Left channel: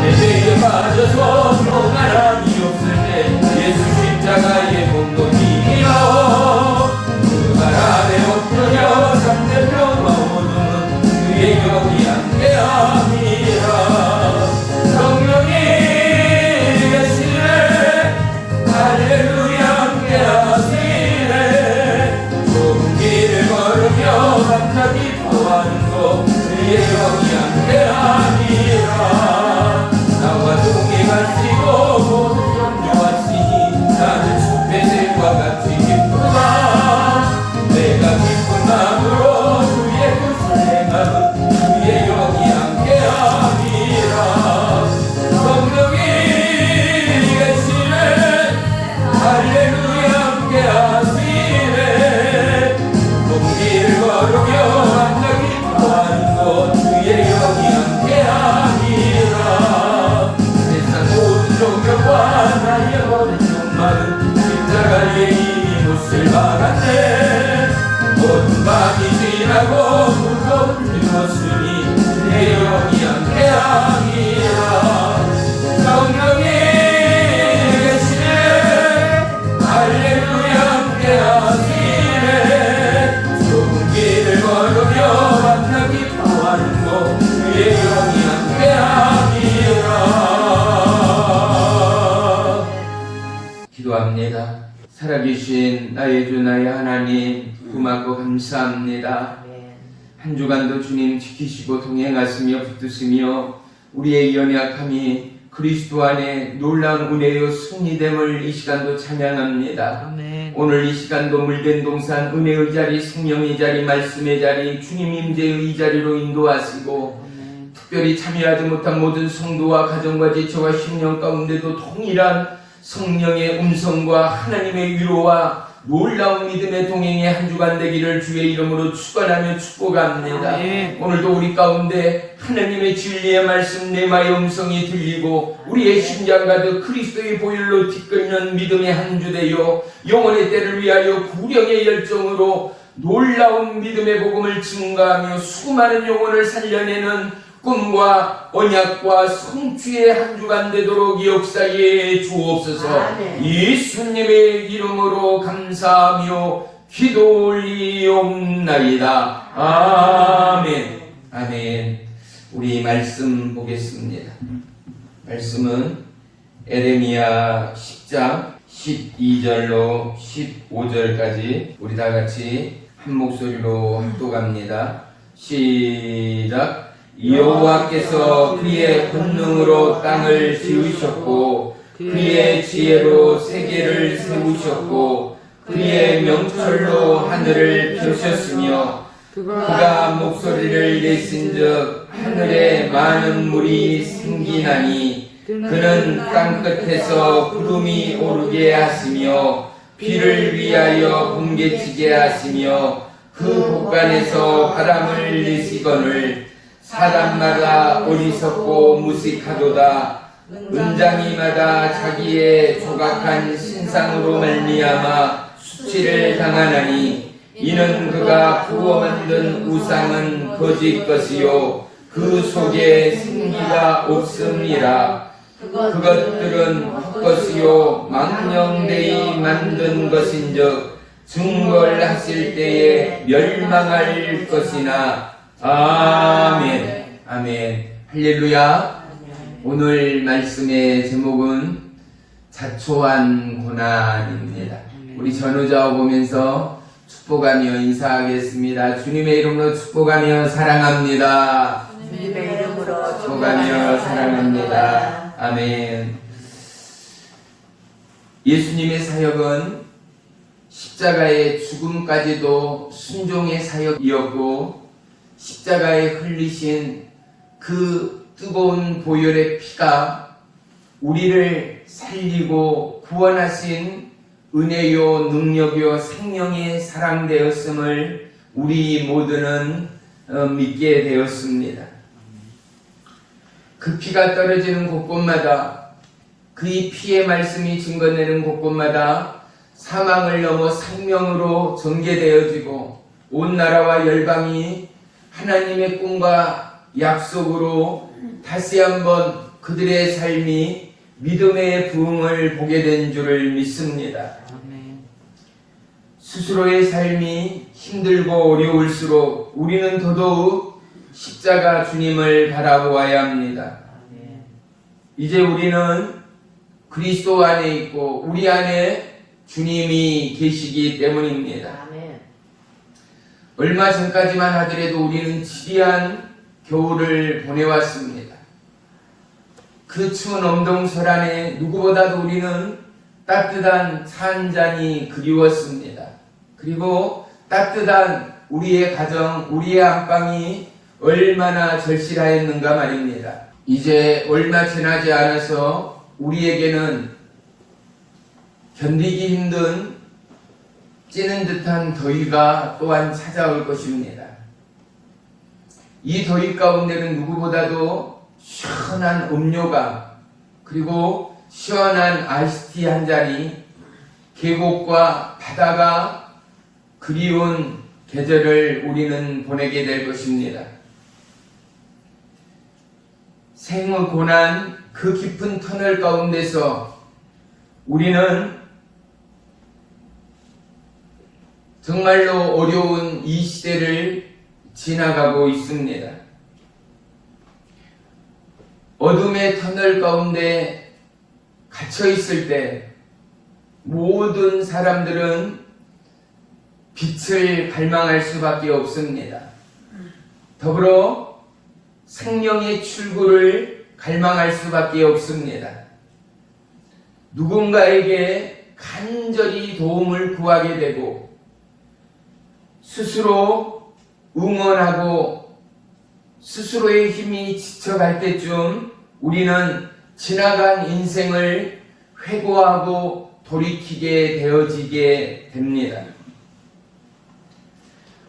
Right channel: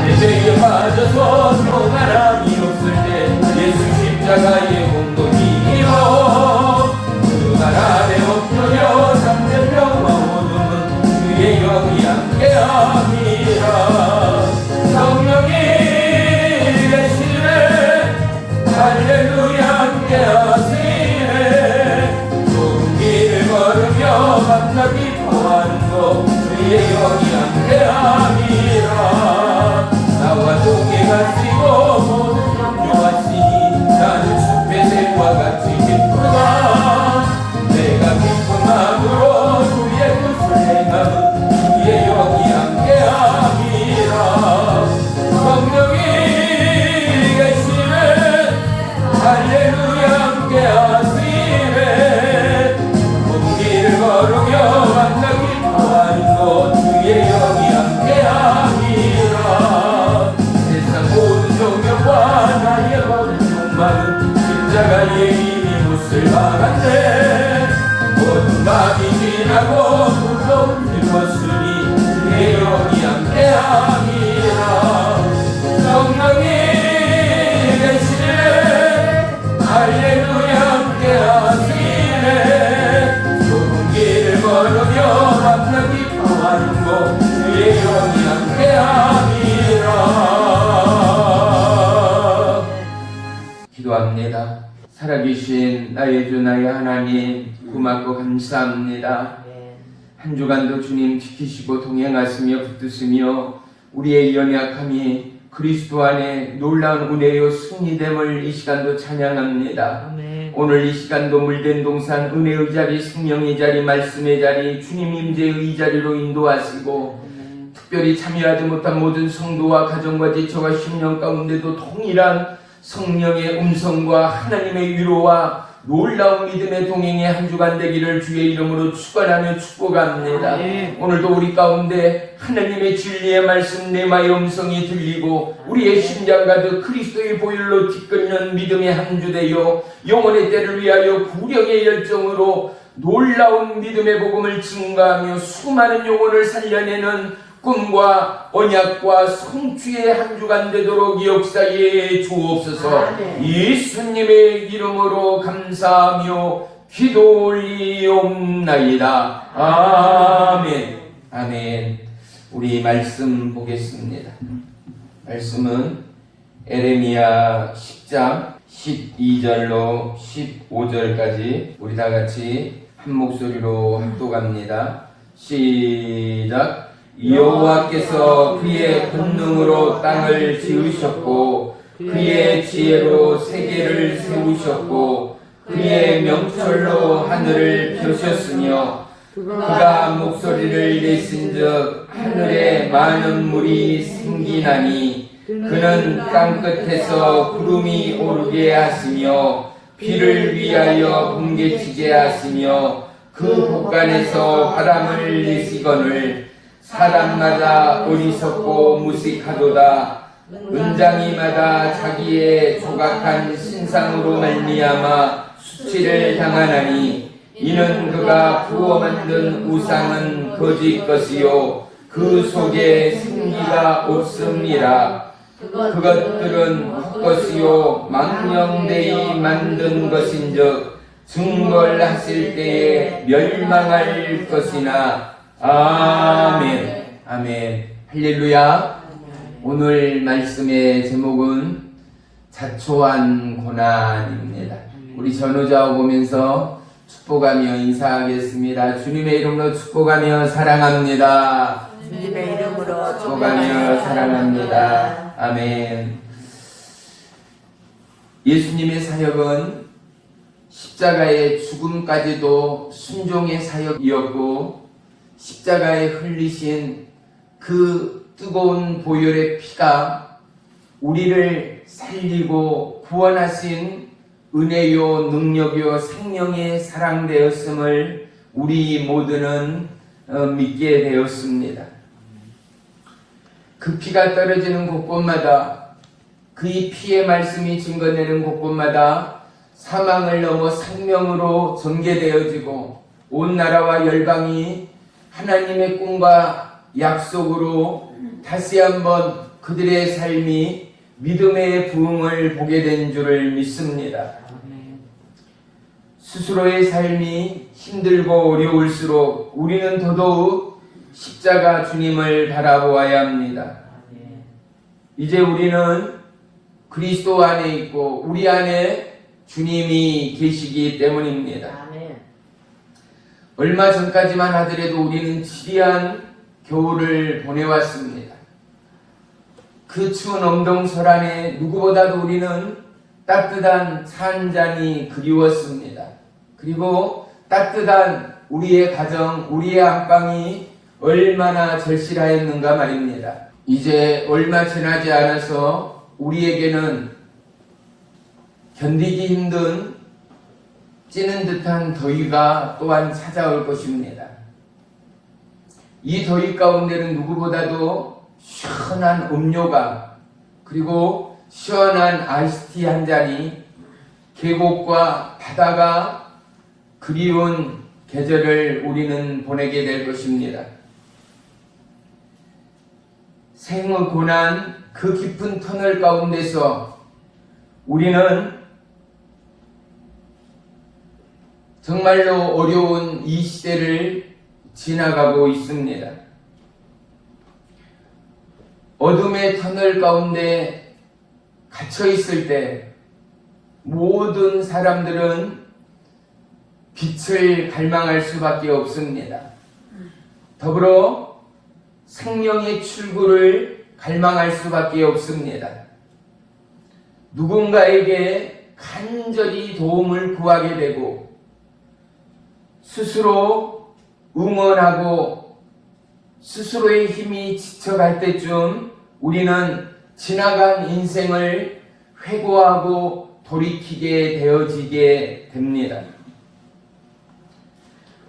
예배에 빠져서 평안함이 없을 때 예수 십자가의 공로이여 그 바람에 엎드려 잠든 병과 어둠은 주의 영이 함께함이라 성령이 계시네 할렐루야 함께하시네 좁은 길을 걸으며 만나 기뻐하는 것 주의 영이 함께하니라 나와 동해 가시고 모든 영조하시니 나는 숲의 새와 같이 기쁘다 내가 기쁜 마음으로 주의 뜻을 행하는 주의 영이 함께함이라 성령이 계시네 할렐루야 함께하시네 좁은 길을 걸으며 만나 기뻐하는 것 주의 영이 함께하니라 세상 모든 종교와 나의 모든 욕망은 십자가의 이미 묻을 받았네 모든 밤이 지나고 무서운 죽었으니 주의 영이 함께하니라 성령이 계시네 할렐루야 함께하시네 좁은 길을 걸으며 만나 기뻐하는 것 주의 영이 함께하니라 기도합니다. 살아계신 나의 주 나의 하나님 고맙고 감사합니다. 한 주간도 주님 지키시고 동행하시며 붙드시며 우리의 연약함이 그리스도 안에 놀라운 은혜요 승리됨을 이 시간도 찬양합니다. 아멘. 오늘 이 시간도 물된 동산 은혜의 자리 성령의 자리 말씀의 자리 주님 임재의 자리로 인도하시고 특별히 참여하지 못한 모든 성도와 가정과 지체와 심령 가운데도 동일한 성령의 음성과 하나님의 위로와 놀라운 믿음의 동행의 한 주간 되기를 주의 이름으로 축원하며 축복합니다. 오늘도 우리 가운데 하나님의 진리의 말씀 레마의 음성이 들리고 우리의 심장 가득 그리스도의 보혈로 뒤끓는 믿음의 한 주 되어 영혼의 때를 위하여 구령의 열정으로 놀라운 믿음의 복음을 증거하며 수많은 영혼을 살려내는 꿈과 언약과 성취의 한 주간 되도록 역사에 주옵소서. 예수님의 이름으로 감사하며 기도 올리옵나이다. 아멘. 아멘. 우리 말씀 보겠습니다. 말씀은 에레미야 10장 12절로 15절까지 우리 다 같이 한 목소리로 합독합니다. 시작. 여호와께서 그의 권능으로 땅을 지으셨고 그의 지혜로 세계를 세우셨고 그의 명철로 하늘을 펴셨으며 그가 목소리를 내신즉 하늘에 많은 물이 생기나니 그는 땅끝에서 구름이 오르게 하시며 비를 위하여 번개치게 하시며 그 곳간에서 바람을 내시거늘 사람마다 어리석고 무식하도다. 은장이마다 자기의 조각한 신상으로 말미암아 수치를 당하나니 이는 그가 부어 만든 우상은 거짓 것이요 그 속에 생기가 없음이라. 그것들은 헛것이요 망령되이 만든 것인즉 증거를 하실 때에 멸망할 것이나. 아멘. 아멘. 할렐루야. 오늘 말씀의 제목은 자초한 고난입니다. 우리 전우자を보면서 축복하며 인사하겠습니다. 주님의 이름으로 축복하며 사랑합니다. 주님의 이름으로 축복하며 사랑합니다. 아멘. 예수님의 사역은 십자가의 죽음까지도 순종의 사역이었고 십자가에 흘리신 그 뜨거운 보혈의 피가 우리를 살리고 구원하신 은혜요 능력요 생명의 사랑되었음을 우리 모두는 믿게 되었습니다. 그 피가 떨어지는 곳곳마다 그의 피의 말씀이 증거내는 곳곳마다 사망을 넘어 생명으로 전개되어지고 온 나라와 열방이 하나님의 꿈과 약속으로 다시 한번 그들의 삶이 믿음의 부흥을 보게 된 줄을 믿습니다. 스스로의 삶이 힘들고 어려울수록 우리는 더더욱 십자가 주님을 바라보아야 합니다. 이제 우리는 그리스도 안에 있고 우리 안에 주님이 계시기 때문입니다. 얼마 전까지만 하더라도 우리는 지리한 겨울을 보내왔습니다. 그 추운 엄동설 안에 누구보다도 우리는 따뜻한 차 한 잔이 그리웠습니다. 그리고 따뜻한 우리의 가정, 우리의 안방이 얼마나 절실하였는가 말입니다. 이제 얼마 지나지 않아서 우리에게는 견디기 힘든 찌는 듯한 더위가 또한 찾아올 것입니다. 이 더위 가운데는 누구보다도 시원한 음료가 그리고 시원한 아이스티 한 잔이 계곡과 바다가 그리운 계절을 우리는 보내게 될 것입니다. 생의 고난 그 깊은 터널 가운데서 우리는 정말로 어려운 이 시대를 지나가고 있습니다. 어둠의 터널 가운데 갇혀 있을 때 모든 사람들은 빛을 갈망할 수밖에 없습니다. 더불어 생명의 출구를 갈망할 수밖에 없습니다. 누군가에게 간절히 도움을 구하게 되고 스스로 응원하고 스스로의 힘이 지쳐갈 때쯤 우리는 지나간 인생을 회고하고 돌이키게 되어지게 됩니다.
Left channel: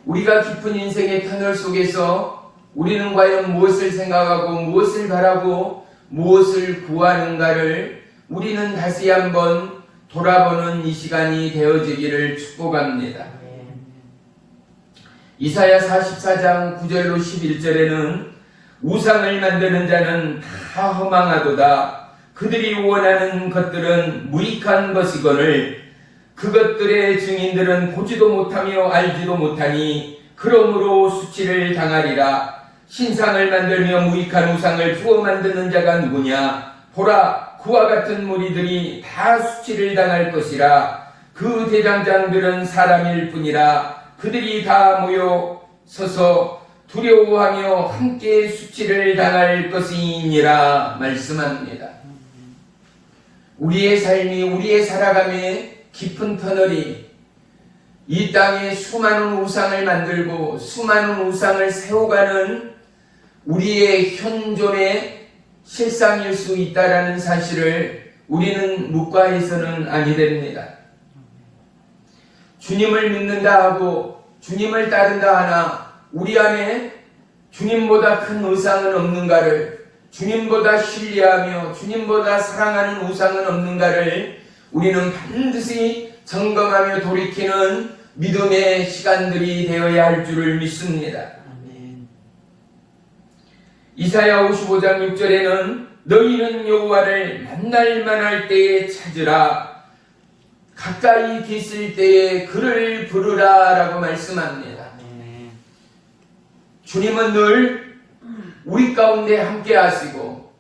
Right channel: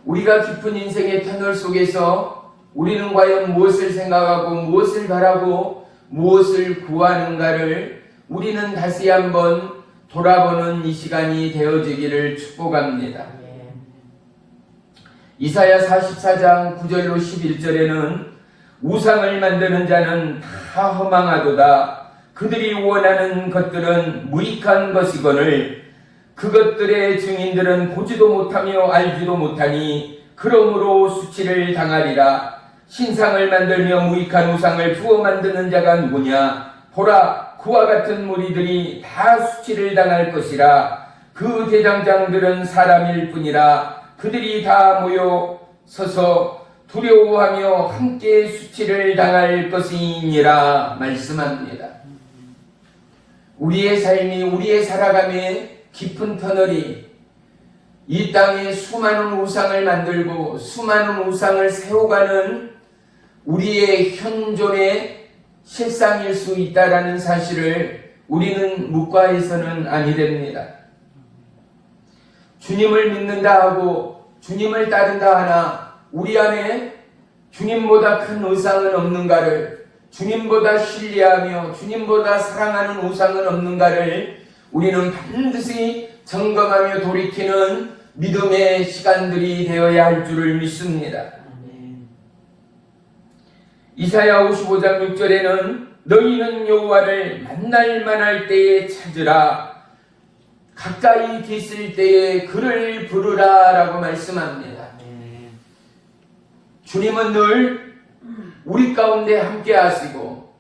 우리가 깊은 인생의 터널 속에서 우리는 과연 무엇을 생각하고 무엇을 바라고 무엇을 구하는가를 우리는 다시 한번 돌아보는 이 시간이 되어지기를 축복합니다. 이사야 44장 9절로 11절에는 우상을 만드는 자는 다 허망하도다. 그들이 원하는 것들은 무익한 것이거늘 그것들의 증인들은 보지도 못하며 알지도 못하니 그러므로 수치를 당하리라. 신상을 만들며 무익한 우상을 부어 만드는 자가 누구냐? 보라, 그와 같은 무리들이 다 수치를 당할 것이라. 그 대장장들은 사람일 뿐이라. 그들이 다 모여 서서 두려워하며 함께 수치를 당할 것이니라 말씀합니다. 우리의 삶이 우리의 살아감의 깊은 터널이 이 땅에 수많은 우상을 만들고 수많은 우상을 세워가는 우리의 현존의 실상일 수 있다라는 사실을 우리는 묵과해서는 아니 됩니다. 주님을 믿는다 하고 주님을 따른다 하나 우리 안에 주님보다 큰 우상은 없는가를, 주님보다 신뢰하며 주님보다 사랑하는 우상은 없는가를 우리는 반드시 점검하며 돌이키는 믿음의 시간들이 되어야 할 줄을 믿습니다. 이사야 55장 6절에는 너희는 여호와를 만날 만할 때에 찾으라. 가까이 계실 때에 그를 부르라 라고 말씀합니다. 주님은 늘 우리 가운데 함께 하시고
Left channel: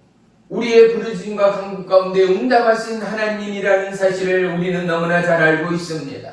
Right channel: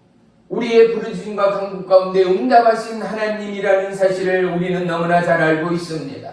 우리의 부르심과 간구 가운데 응답하신 하나님이라는 사실을 우리는 너무나 잘 알고 있습니다.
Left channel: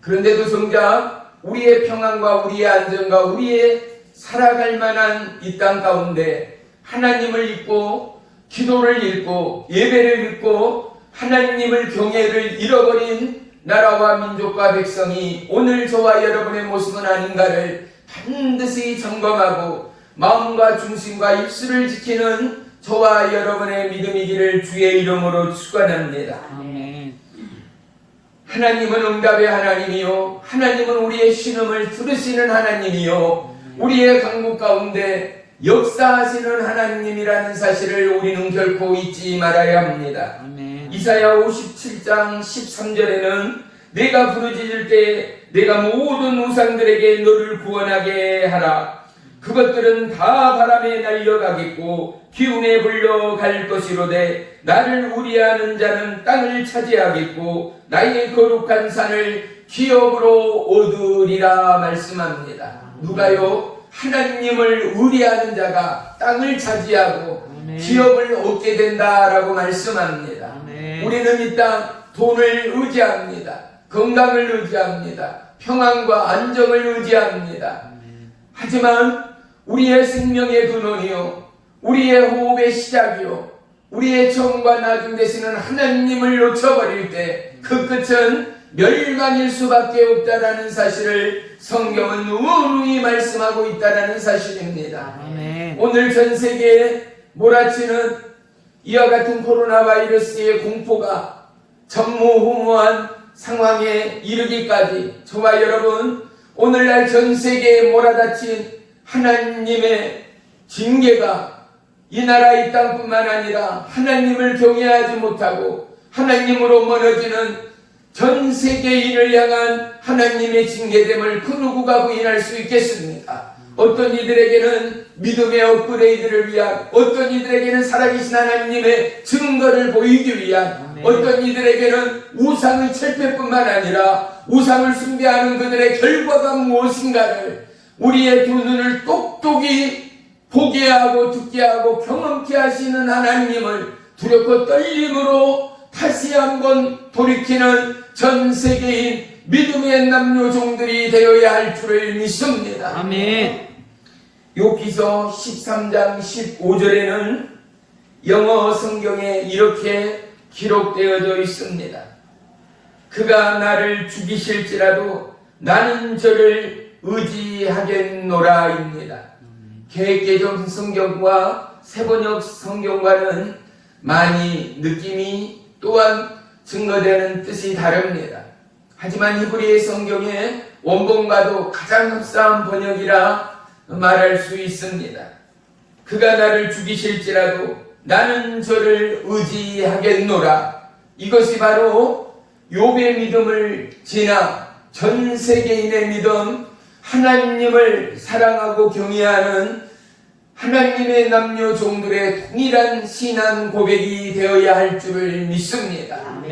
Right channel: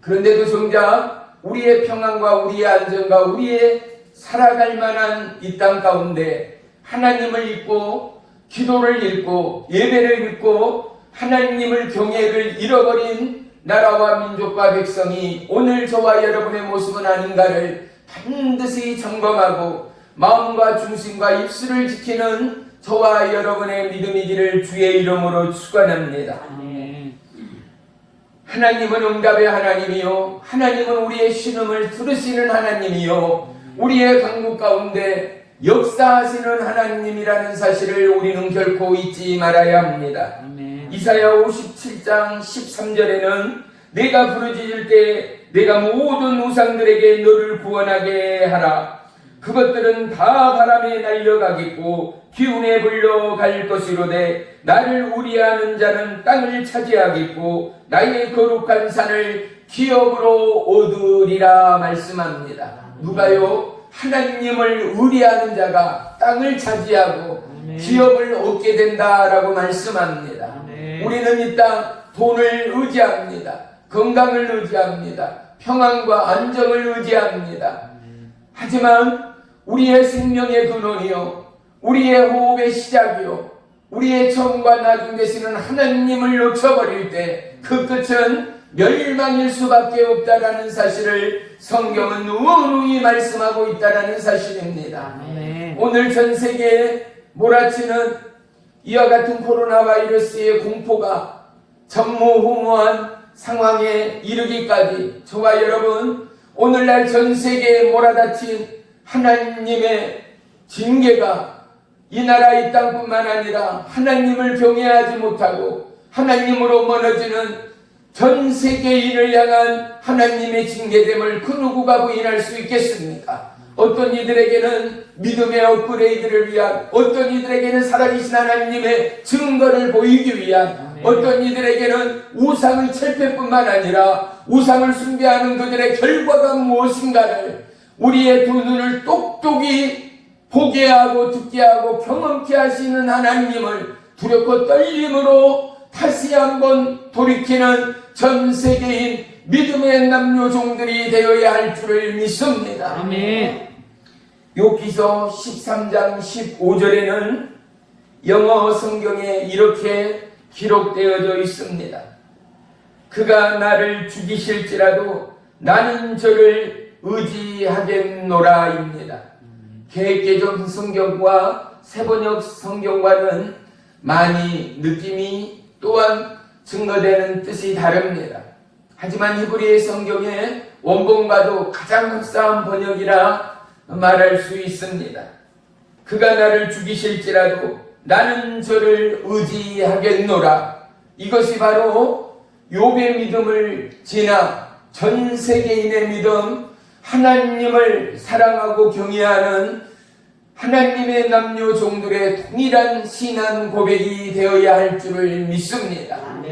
그런데도 정작 우리의 평안과 우리의 안전과 우리의 살아갈 만한 이 땅 가운데 하나님을 잊고 기도를 잃고 예배를 잃고 하나님을 경외를 잃어버린 나라와 민족과 백성이 오늘 저와 여러분의 모습은 아닌가를 반드시 점검하고 마음과 중심과 입술을 지키는 저와 여러분의 믿음이기를 주의 이름으로 축원합니다. 하나님은 응답의 하나님이요, 하나님은 우리의 신음을 들으시는 하나님이요, 우리의 간구 가운데 역사하시는 하나님이라는 사실을 우리는 결코 잊지 말아야 합니다. 이사야 57장 13절에는 내가 부르짖을 때 내가 모든 우상들에게 너를 구원하게 하라. 그것들은 다 바람에 날려가겠고 기운에 불러갈 것이로되 나를 우리하는 자는 땅을 차지하겠고 나의 거룩한 산을 기업으로 얻으리라 말씀합니다. 누가요? 하나님을 의리하는 자가 땅을 차지하고 기업을 얻게 된다라고 말씀합니다. 우리는 이 땅 돈을 의지합니다. 건강을 의지합니다. 평안과 안정을 의지합니다. 하지만 우리의 생명의 근원이요, 우리의 호흡의 시작이요, 우리의 처음과 나중 되시는 하나님을 놓쳐버릴 때 그 끝은 멸망일 수밖에 없다라는 사실을 성경은 누누이 말씀하고 있다는 사실입니다. 오늘 전 세계에 몰아치는 이와 같은 코로나 바이러스의 공포가 전무후무한 상황에 이르기까지 저와 여러분, 오늘날 전 세계에 몰아닥친 하나님의 징계가 이 나라 이 땅뿐만 아니라 하나님을 경외하지 못하고 하나님으로 멀어지는 전 세계인을 향한 하나님의 징계됨을 그 누구가 부인할 수 있겠습니까? 어떤 이들에게는 믿음의 업그레이드를 위한, 어떤 이들에게는 살아계신 하나님의 증거를 보이기 위한, 어떤 이들에게는 우상의 철폐뿐만 아니라 우상을 숭배하는 그들의 결과가 무엇인가를 우리의 두 눈을 똑똑히 보게 하고 듣게 하고 경험케 하시는 하나님을 두렵고 떨림으로 다시 한번 돌이키는 전 세계인 믿음의 남녀 종들이 되어야 할 줄을 믿습니다. 아멘. 욥기서 13장 15절에는 영어 성경에 이렇게 기록되어져 있습니다. 그가 나를 죽이실지라도 나는 저를 의지하겠노라입니다. 개개정 성경과 세번역 성경과는 많이 느낌이 또한 증거되는 뜻이 다릅니다. 하지만 이브리 성경의 원본과도 가장 흡사한 번역이라 말할 수 있습니다. 그가 나를 죽이실지라도 나는 저를 의지하겠노라. 이것이 바로 욥의 믿음을 지나 전 세계인의 믿음, 하나님을 사랑하고 경외하는 하나님의 남녀 종들의 동일한 신앙 고백이 되어야 할 줄을 믿습니다.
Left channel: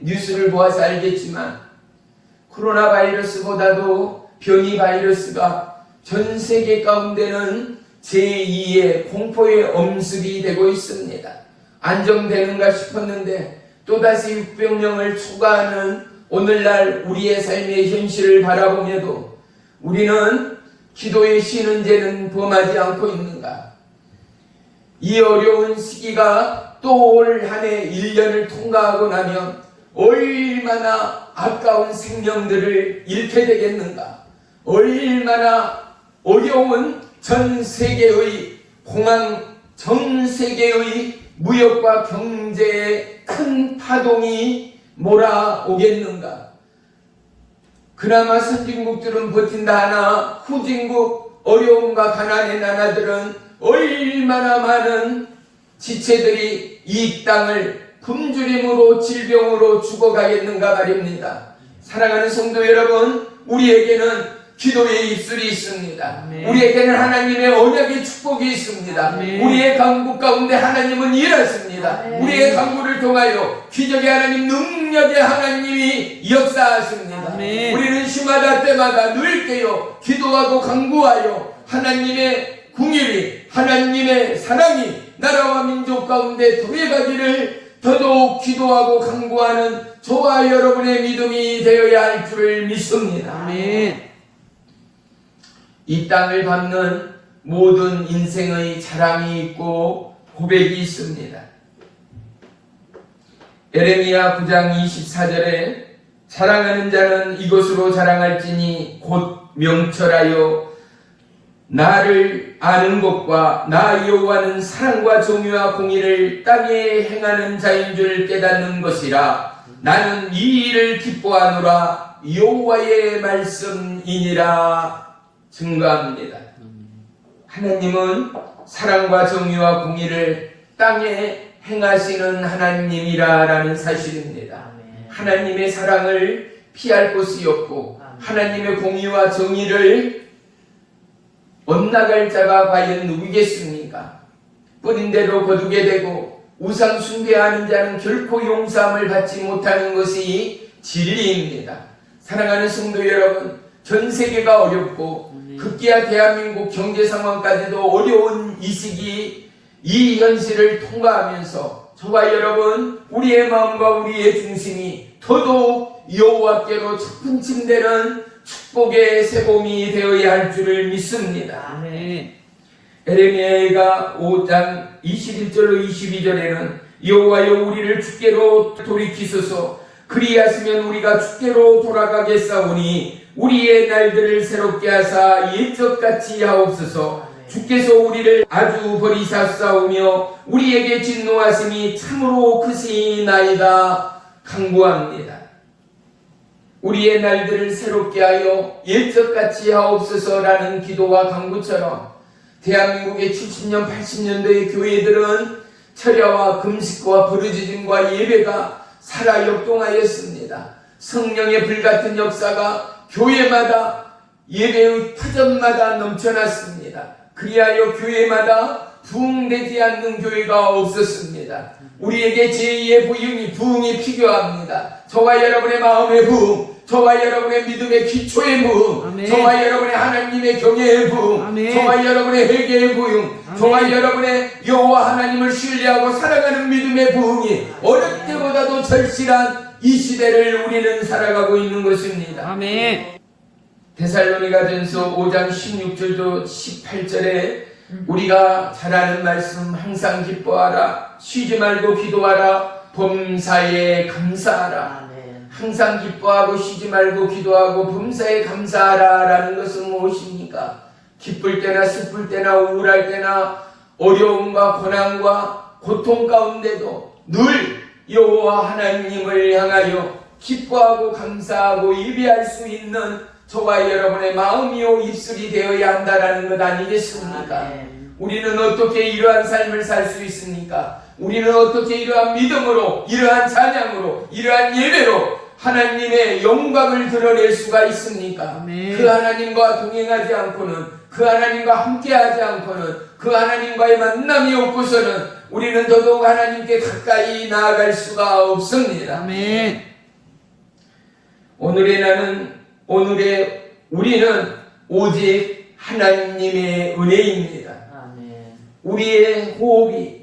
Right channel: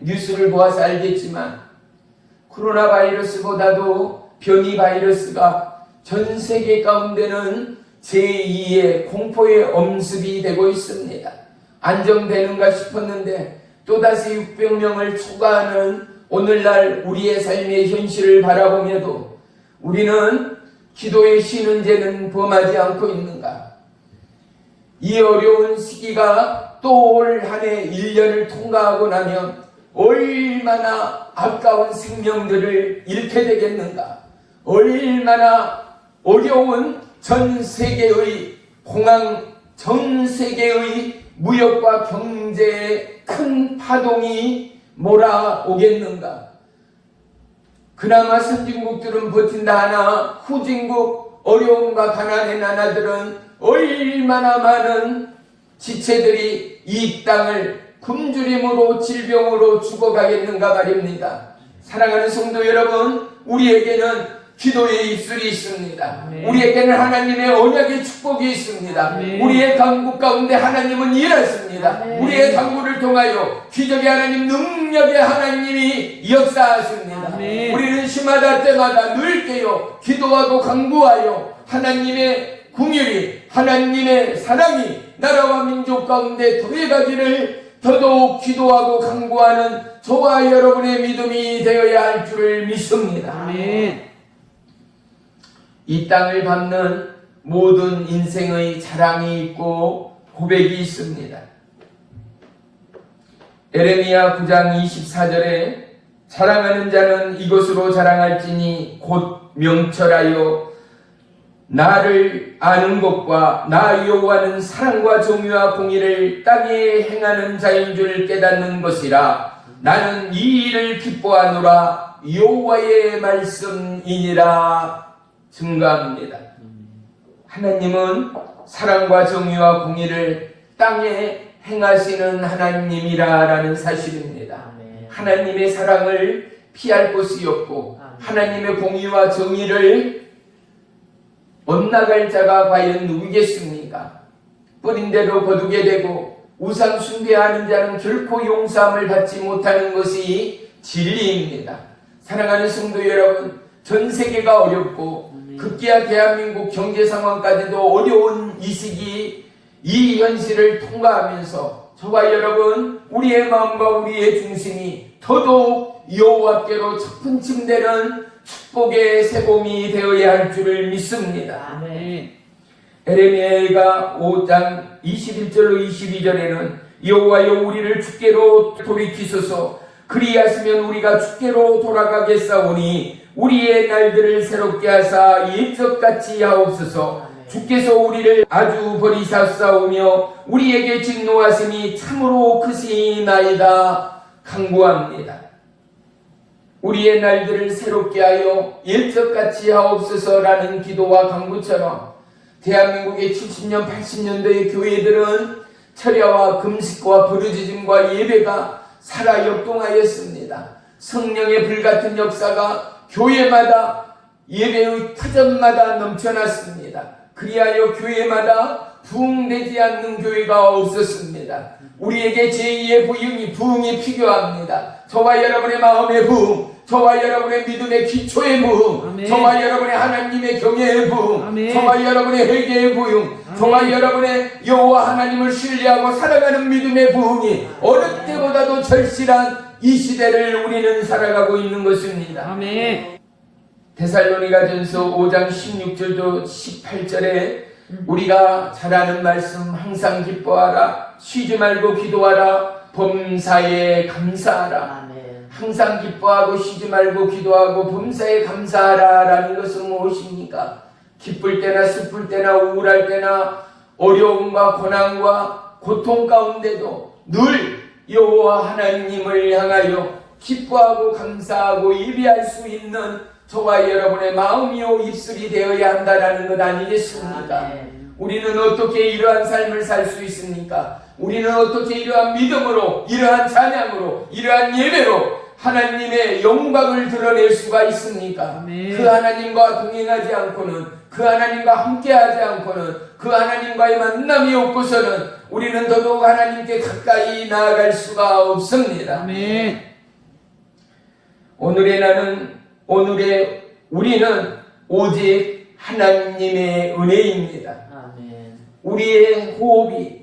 뉴스를 보아서 알겠지만 코로나 바이러스보다도 변이 바이러스가 전 세계 가운데는 제2의 공포의 엄습이 되고 있습니다. 안정되는가 싶었는데 또다시 600명을 초과하는 오늘날 우리의 삶의 현실을 바라보며도 우리는 기도의 쉬는 죄는 범하지 않고 있는가? 이 어려운 시기가 또 올 한 해 1년을 통과하고 나면 얼마나 아까운 생명들을 잃게 되겠는가? 얼마나 어려운 전 세계의 공황, 전 세계의 무역과 경제의 큰 파동이 몰아오겠는가? 그나마 선진국들은 버틴다 하나 후진국 어려움과 가난의 나라들은 얼마나 많은 지체들이 이 땅을 굶주림으로 질병으로 죽어가겠는가 말입니다. 사랑하는 성도 여러분, 우리에게는 기도의 입술이 있습니다. 우리에게는 하나님의 언약의 축복이 있습니다. 우리의 강구 가운데 하나님은 일하십니다. 우리의 강구를 통하여 기적의 하나님, 능력의 하나님이 역사하십니다. 우리는 시마다 때마다 늘 깨어 기도하고 강구하여 하나님의 궁일이, 하나님의 사랑이 나라와 민족 가운데 더해가기를 더더욱 기도하고 강구하는 저와 여러분의 믿음이 되어야 할 줄을 믿습니다. 아멘. 이 땅을 밟는 모든 인생의 자랑이 있고 고백이 있습니다. 에레미야 9장 24절에 자랑하는 자는 이것으로 자랑할지니 곧 명철하여 나를 아는 것과 나 여호와는 사랑과 정의와 공의를 땅에 행하는 자인 줄 깨닫는 것이라. 나는 이 일을 기뻐하노라. 여호와의 말씀이니라. 증거합니다. 하나님은 사랑과 정의와 공의를 땅에 행하시는 하나님이라는 사실입니다. 하나님의 사랑을 피할 것이 없고 하나님의 공의와 정의를 엇나갈 자가 과연 누구겠습니까? 뿌린 대로 거두게 되고 우상 숭배하는 자는 결코 용서함을 받지 못하는 것이 진리입니다. 사랑하는 성도 여러분, 전 세계가 어렵고 급기야 대한민국 경제 상황까지도 어려운 이 시기, 이 현실을 통과하면서 저와 여러분, 우리의 마음과 우리의 중심이 더더욱 여호와께로 첫분침되는 축복의 새봄이 되어야 할 줄을 믿습니다. 아멘. 에레미야가 5장 21절로 22절에는 여호와여 우리를 주께로 돌이키소서 그리하시면 우리가 주께로 돌아가겠사오니 우리의 날들을 새롭게 하사 옛적같이 하옵소서. 주께서 우리를 아주 버리셨사오며 우리에게 진노하심이 참으로 크시나이다. 간구합니다. 우리의 날들을 새롭게 하여 옛적같이 하옵소서라는 기도와 간구처럼 대한민국의 70년, 80년대의 교회들은 철야와 금식과 부르짖음과 예배가 살아 역동하였습니다. 성령의 불같은 역사가 교회마다 예배의 터전마다 넘쳐났습니다. 그리하여 교회마다 부흥되지 않는 교회가 없었습니다. 우리에게 제2의 부흥이 필요합니다. 저와 여러분의 마음의 부흥, 저와 여러분의 믿음의 기초의 부흥, 아멘. 저와 여러분의 하나님의 경외의 부흥, 아멘. 저와 여러분의 회개의 부흥, 아멘. 저와 여러분의 여호와 하나님을 신뢰하고 살아가는 믿음의 부흥이 어느 때보다도 절실한 이 시대를 우리는 살아가고 있는 것입니다. 아멘. 데살로니가전서 5장 16절도 18절에 우리가 잘 아는 말씀 항상 기뻐하라 쉬지 말고 기도하라 범사에 감사하라. 항상 기뻐하고 쉬지 말고 기도하고 범사에 감사하라 라는 것은 무엇입니까? 기쁠 때나 슬플 때나 우울할 때나 어려움과 고난과 고통 가운데도 늘 여호와 하나님을 향하여 기뻐하고 감사하고 예배할 수 있는 저와 여러분의 마음이요 입술이 되어야 한다는 것 아니겠습니까? 우리는 어떻게 이러한 삶을 살 수 있습니까? 우리는 어떻게 이러한 믿음으로, 이러한 찬양으로, 이러한 예배로 하나님의 영광을 드러낼 수가 있습니까? 그 하나님과 동행하지 않고는, 그 하나님과 함께하지 않고는, 그 하나님과의 만남이 없고서는 우리는 더더욱 하나님께 가까이 나아갈 수가 없습니다. 아멘. 우리는 오직 하나님의 은혜입니다. 아멘. 우리의 호흡이,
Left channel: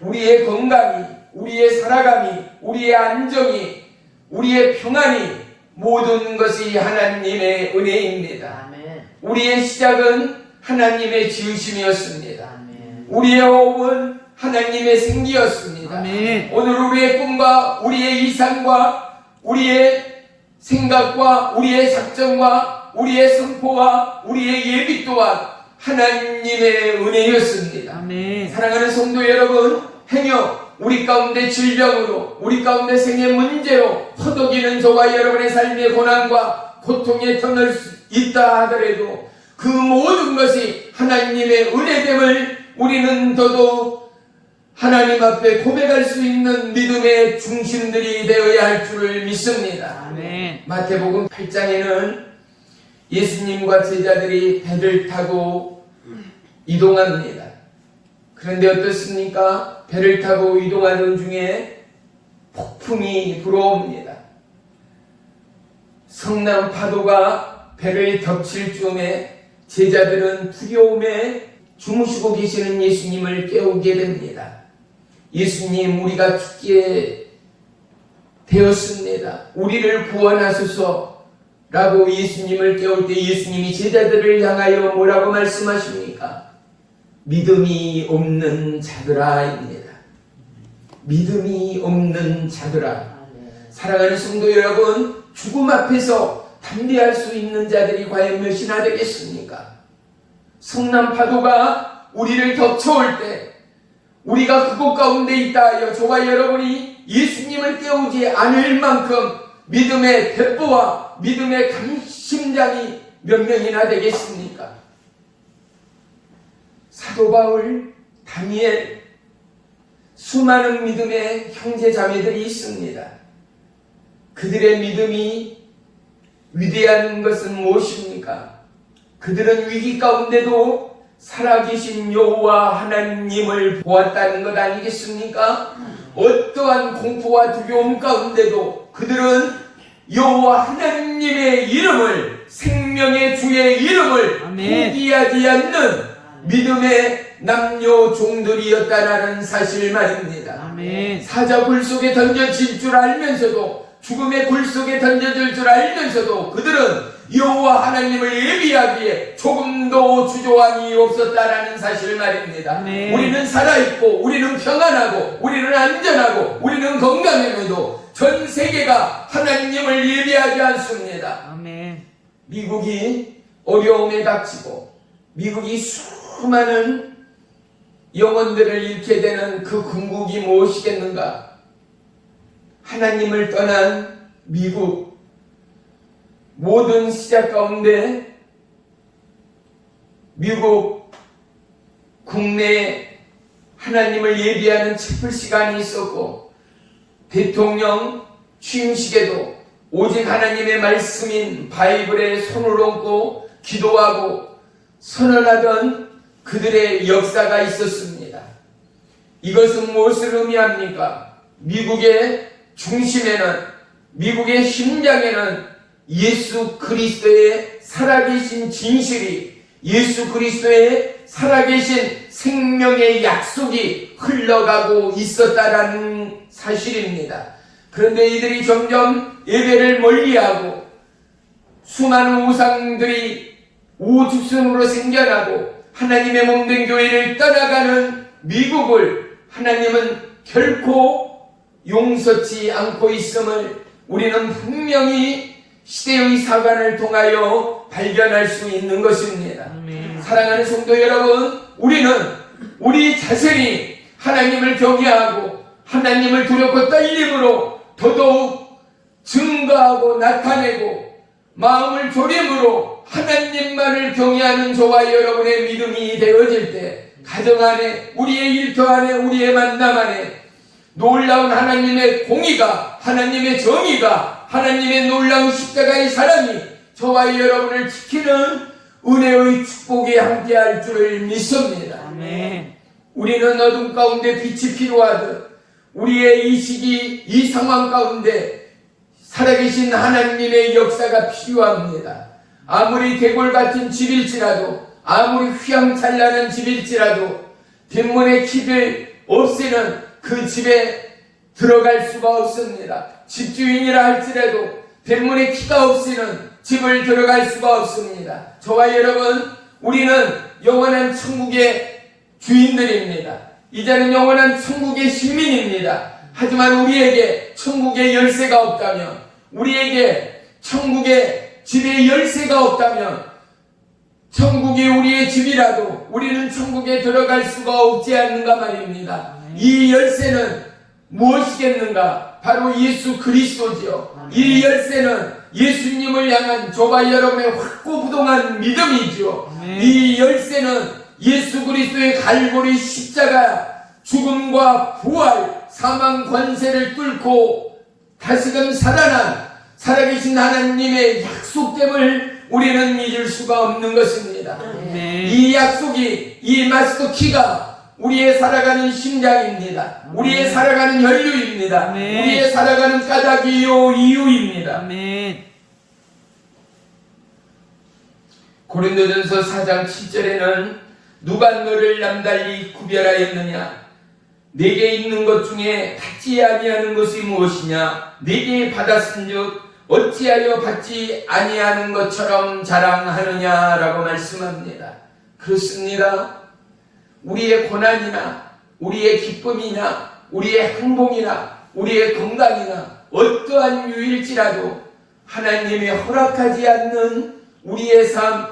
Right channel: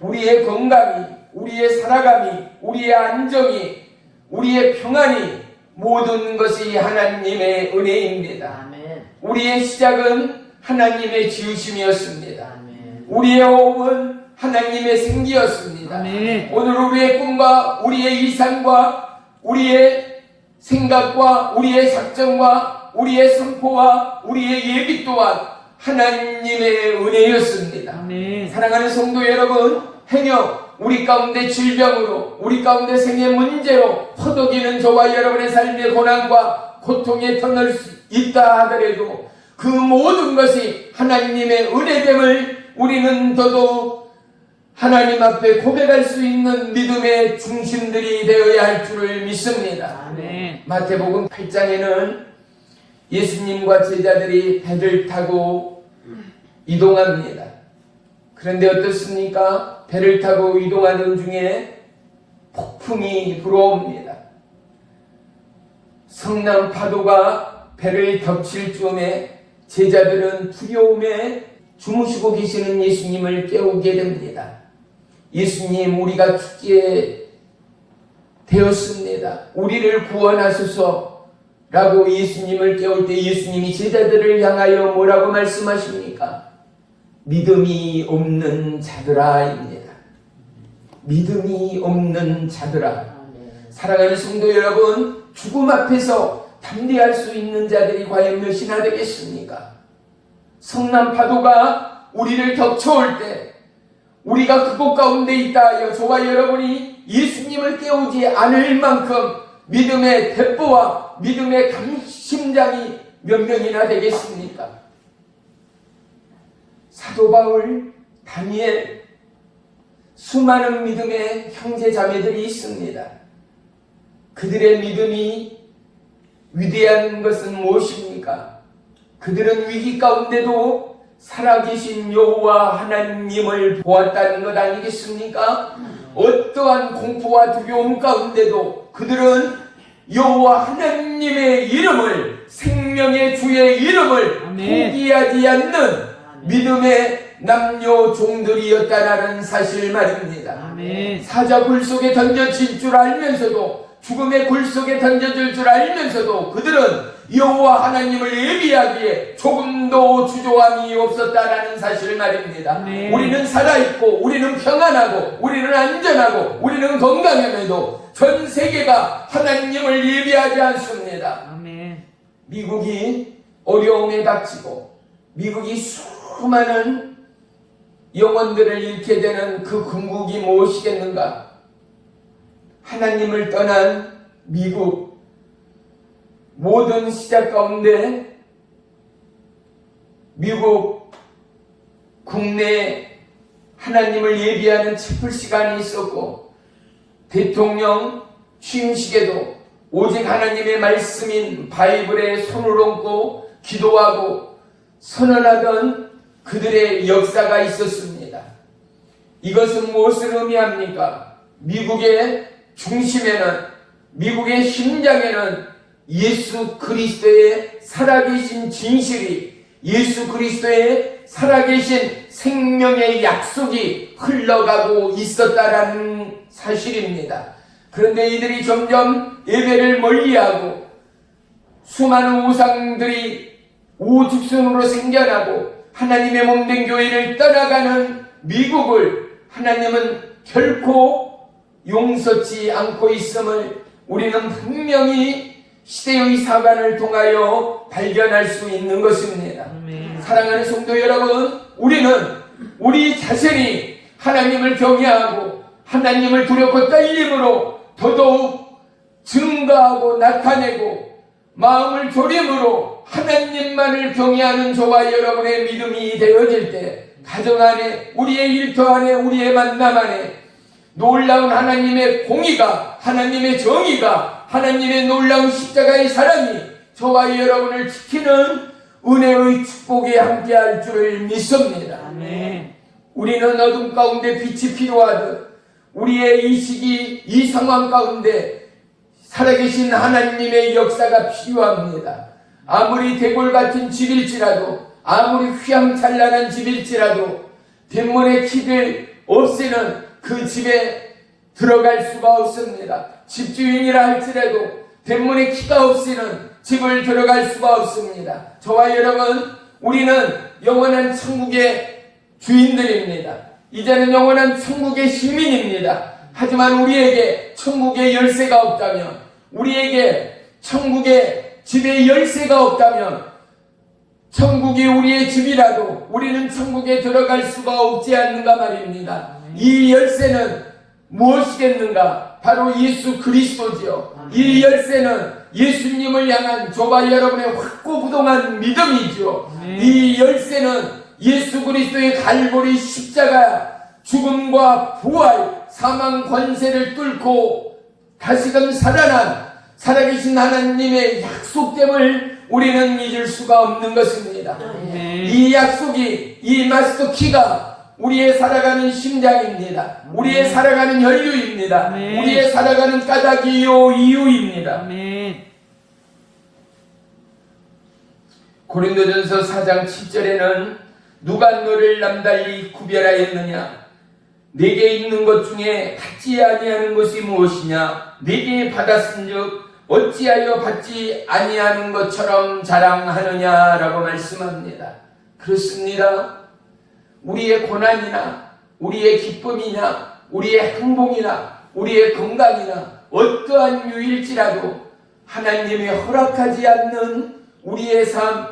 우리의 건강이, 우리의 살아감이, 우리의 안정이, 우리의 평안이 모든 것이 하나님의 은혜입니다. 아멘. 우리의 시작은 하나님의 지으심이었습니다. 아멘. 우리의 호흡은 하나님의 생기였습니다. 아멘. 오늘 우리의 꿈과 우리의 이상과 우리의 생각과 우리의 작정과 우리의 선포와 우리의 예비 또한 하나님의 은혜였습니다. 아멘. 사랑하는 성도 여러분, 행여 우리 가운데 질병으로, 우리 가운데 생의 문제로 허덕이는 저와 여러분의 삶의 고난과 고통에 터널 수 있다 하더라도 그 모든 것이 하나님의 은혜됨을 우리는 더더욱 하나님 앞에 고백할 수 있는 믿음의 중심들이 되어야 할 줄을 믿습니다. 아멘. 마태복음 8장에는 예수님과 제자들이 배를 타고 이동합니다. 그런데 어떻습니까? 배를 타고 이동하는 중에 폭풍이 불어옵니다. 성남 파도가 배를 덮칠 즈음에 제자들은 두려움에 주무시고 계시는 예수님을 깨우게 됩니다. 예수님, 우리가 죽게 되었습니다. 우리를 구원하소서 라고 예수님을 깨울 때 예수님이 제자들을 향하여 뭐라고 말씀하십니까? 믿음이 없는 자들아입니다. 믿음이 없는 자들아. 사랑하는 성도 여러분, 죽음 앞에서 담대할 수 있는 자들이 과연 몇이나 되겠습니까? 성남 파도가 우리를 덮쳐올 때 우리가 그곳 가운데 있다 하여 저와 여러분이 예수님을 깨우지 않을 만큼 믿음의 대포와 믿음의 강심장이 몇 명이나 되겠습니까? 사도 바울, 다니엘, 수많은 믿음의 형제 자매들이 있습니다. 그들의 믿음이 위대한 것은 무엇입니까? 그들은 위기 가운데도 살아계신 여호와 하나님을 보았다는 것 아니겠습니까? 어떠한 공포와 두려움 가운데도 그들은 여호와 하나님의 이름을, 생명의 주의 이름을 포기하지 않는 믿음의 남녀 종들이었다는 사실 말입니다. 사자굴 속에 던져질 줄 알면서도, 죽음의 굴 속에 던져질 줄 알면서도 그들은 여호와 하나님을 예비하기에 조금도 주저함이 없었다라는 사실 말입니다. 우리는 살아있고, 우리는 평안하고, 우리는 안전하고, 우리는 건강함에도 전 세계가 하나님을 예비하지 않습니다. 미국이 어려움에 닥치고 미국이 수많은 영혼들을 잃게 되는 그 궁극이 무엇이겠는가? 하나님을 떠난 미국, 모든 시작 가운데 미국 국내 하나님을 예비하는 촛불 시간이 있었고, 대통령 취임식에도 오직 하나님의 말씀인 바이블에 손을 얹고 기도하고 선언하던 그들의 역사가 있었습니다. 이것은 무엇을 의미합니까? 미국의 중심에는, 미국의 심장에는 예수 그리스도의 살아계신 진실이, 예수 그리스도의 살아계신 생명의 약속이 흘러가고 있었다라는 사실입니다. 그런데 이들이 점점 예배를 멀리하고 수많은 우상들이 오죽순으로 생겨나고 하나님의 몸된 교회를 떠나가는 미국을 하나님은 결코 용서치 않고 있음을 우리는 분명히 시대의 사관을 통하여 발견할 수 있는 것입니다. 사랑하는 성도 여러분, 우리는 우리 자신이 하나님을 경외하고 하나님을 두렵고 떨림으로 더더욱 증거하고 나타내고 마음을 졸임으로 하나님만을 경외하는 저와 여러분의 믿음이 되어질 때, 가정 안에, 우리의 일터 안에, 우리의 만남 안에 놀라운 하나님의 공의가, 하나님의 정의가, 하나님의 놀라운 십자가의 사랑이 저와 여러분을 지키는 은혜의 축복에 함께할 줄을 믿습니다. 아멘. 우리는 어둠 가운데 빛이 필요하듯 우리의 이 시기, 이 상황 가운데 살아계신 하나님의 역사가 필요합니다. 아무리 대골 같은 집일지라도, 아무리 휘황찬란한 집일지라도 대문의 키를 없애는 그 집에 들어갈 수가 없습니다. 집주인이라 할지라도 대문에 키가 없이는 집을 들어갈 수가 없습니다. 저와 여러분, 우리는 영원한 천국의 주인들입니다. 이제는 영원한 천국의 시민입니다. 하지만 우리에게 천국의 열쇠가 없다면, 우리에게 천국의 집의 열쇠가 없다면, 천국이 우리의 집이라도 우리는 천국에 들어갈 수가 없지 않는가 말입니다. 이 열쇠는 무엇이겠는가? 바로 예수 그리스도지요. 이 열쇠는 예수님을 향한 저와 여러분의 확고부동한 믿음이죠. 이 열쇠는 예수 그리스도의 갈보리 십자가, 죽음과 부활, 사망 관세를 뚫고 다시금 살아난 살아계신 하나님의 약속됨을 우리는 잊을 수가 없는 것입니다. 이 약속이, 이 마스터 키가 우리의 살아가는 심장입니다. 우리의 살아가는 혈류입니다. 우리의 살아가는 까닭이요 이유입니다. 고린도전서 4장 7절에는 누가 너를 남달리 구별하였느냐? 내게 있는 것 중에 받지 아니하는 것이 무엇이냐? 내게 받았은즉 어찌하여 받지 아니하는 것처럼 자랑하느냐라고 말씀합니다. 그렇습니다. 우리의 고난이나 우리의 기쁨이나 우리의 행복이나 우리의 건강이나 어떠한 유일지라도 하나님이 허락하지 않는 우리의 삶,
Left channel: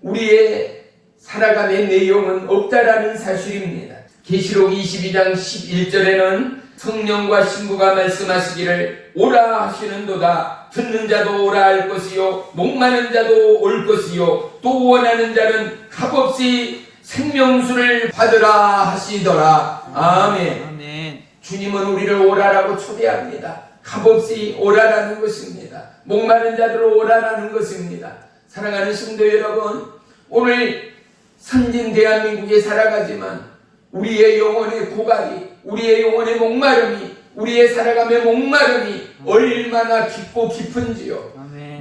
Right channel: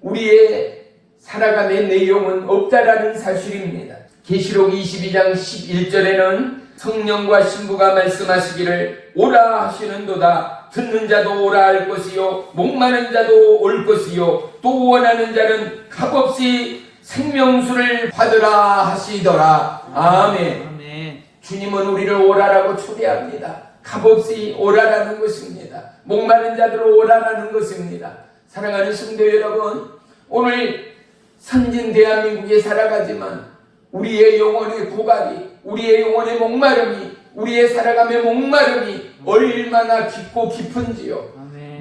우리의 살아감의 내용은 없다라는 사실입니다. 계시록 22장 11절에는 성령과 신부가 말씀하시기를 오라 하시는도다. 듣는 자도 오라 할 것이요, 목마른 자도 올 것이요, 또 원하는 자는 값없이 생명수를 받으라 하시더라. 아멘. 주님은 우리를 오라라고 초대합니다. 값없이 오라라는 것입니다. 목마른 자들로 오라라는 것입니다. 사랑하는 성도 여러분, 오늘 선진 대한민국에 살아가지만 우리의 영혼의 고갈이, 우리의 영혼의 목마름이, 우리의 살아감의 목마름이 얼마나 깊고 깊은지요.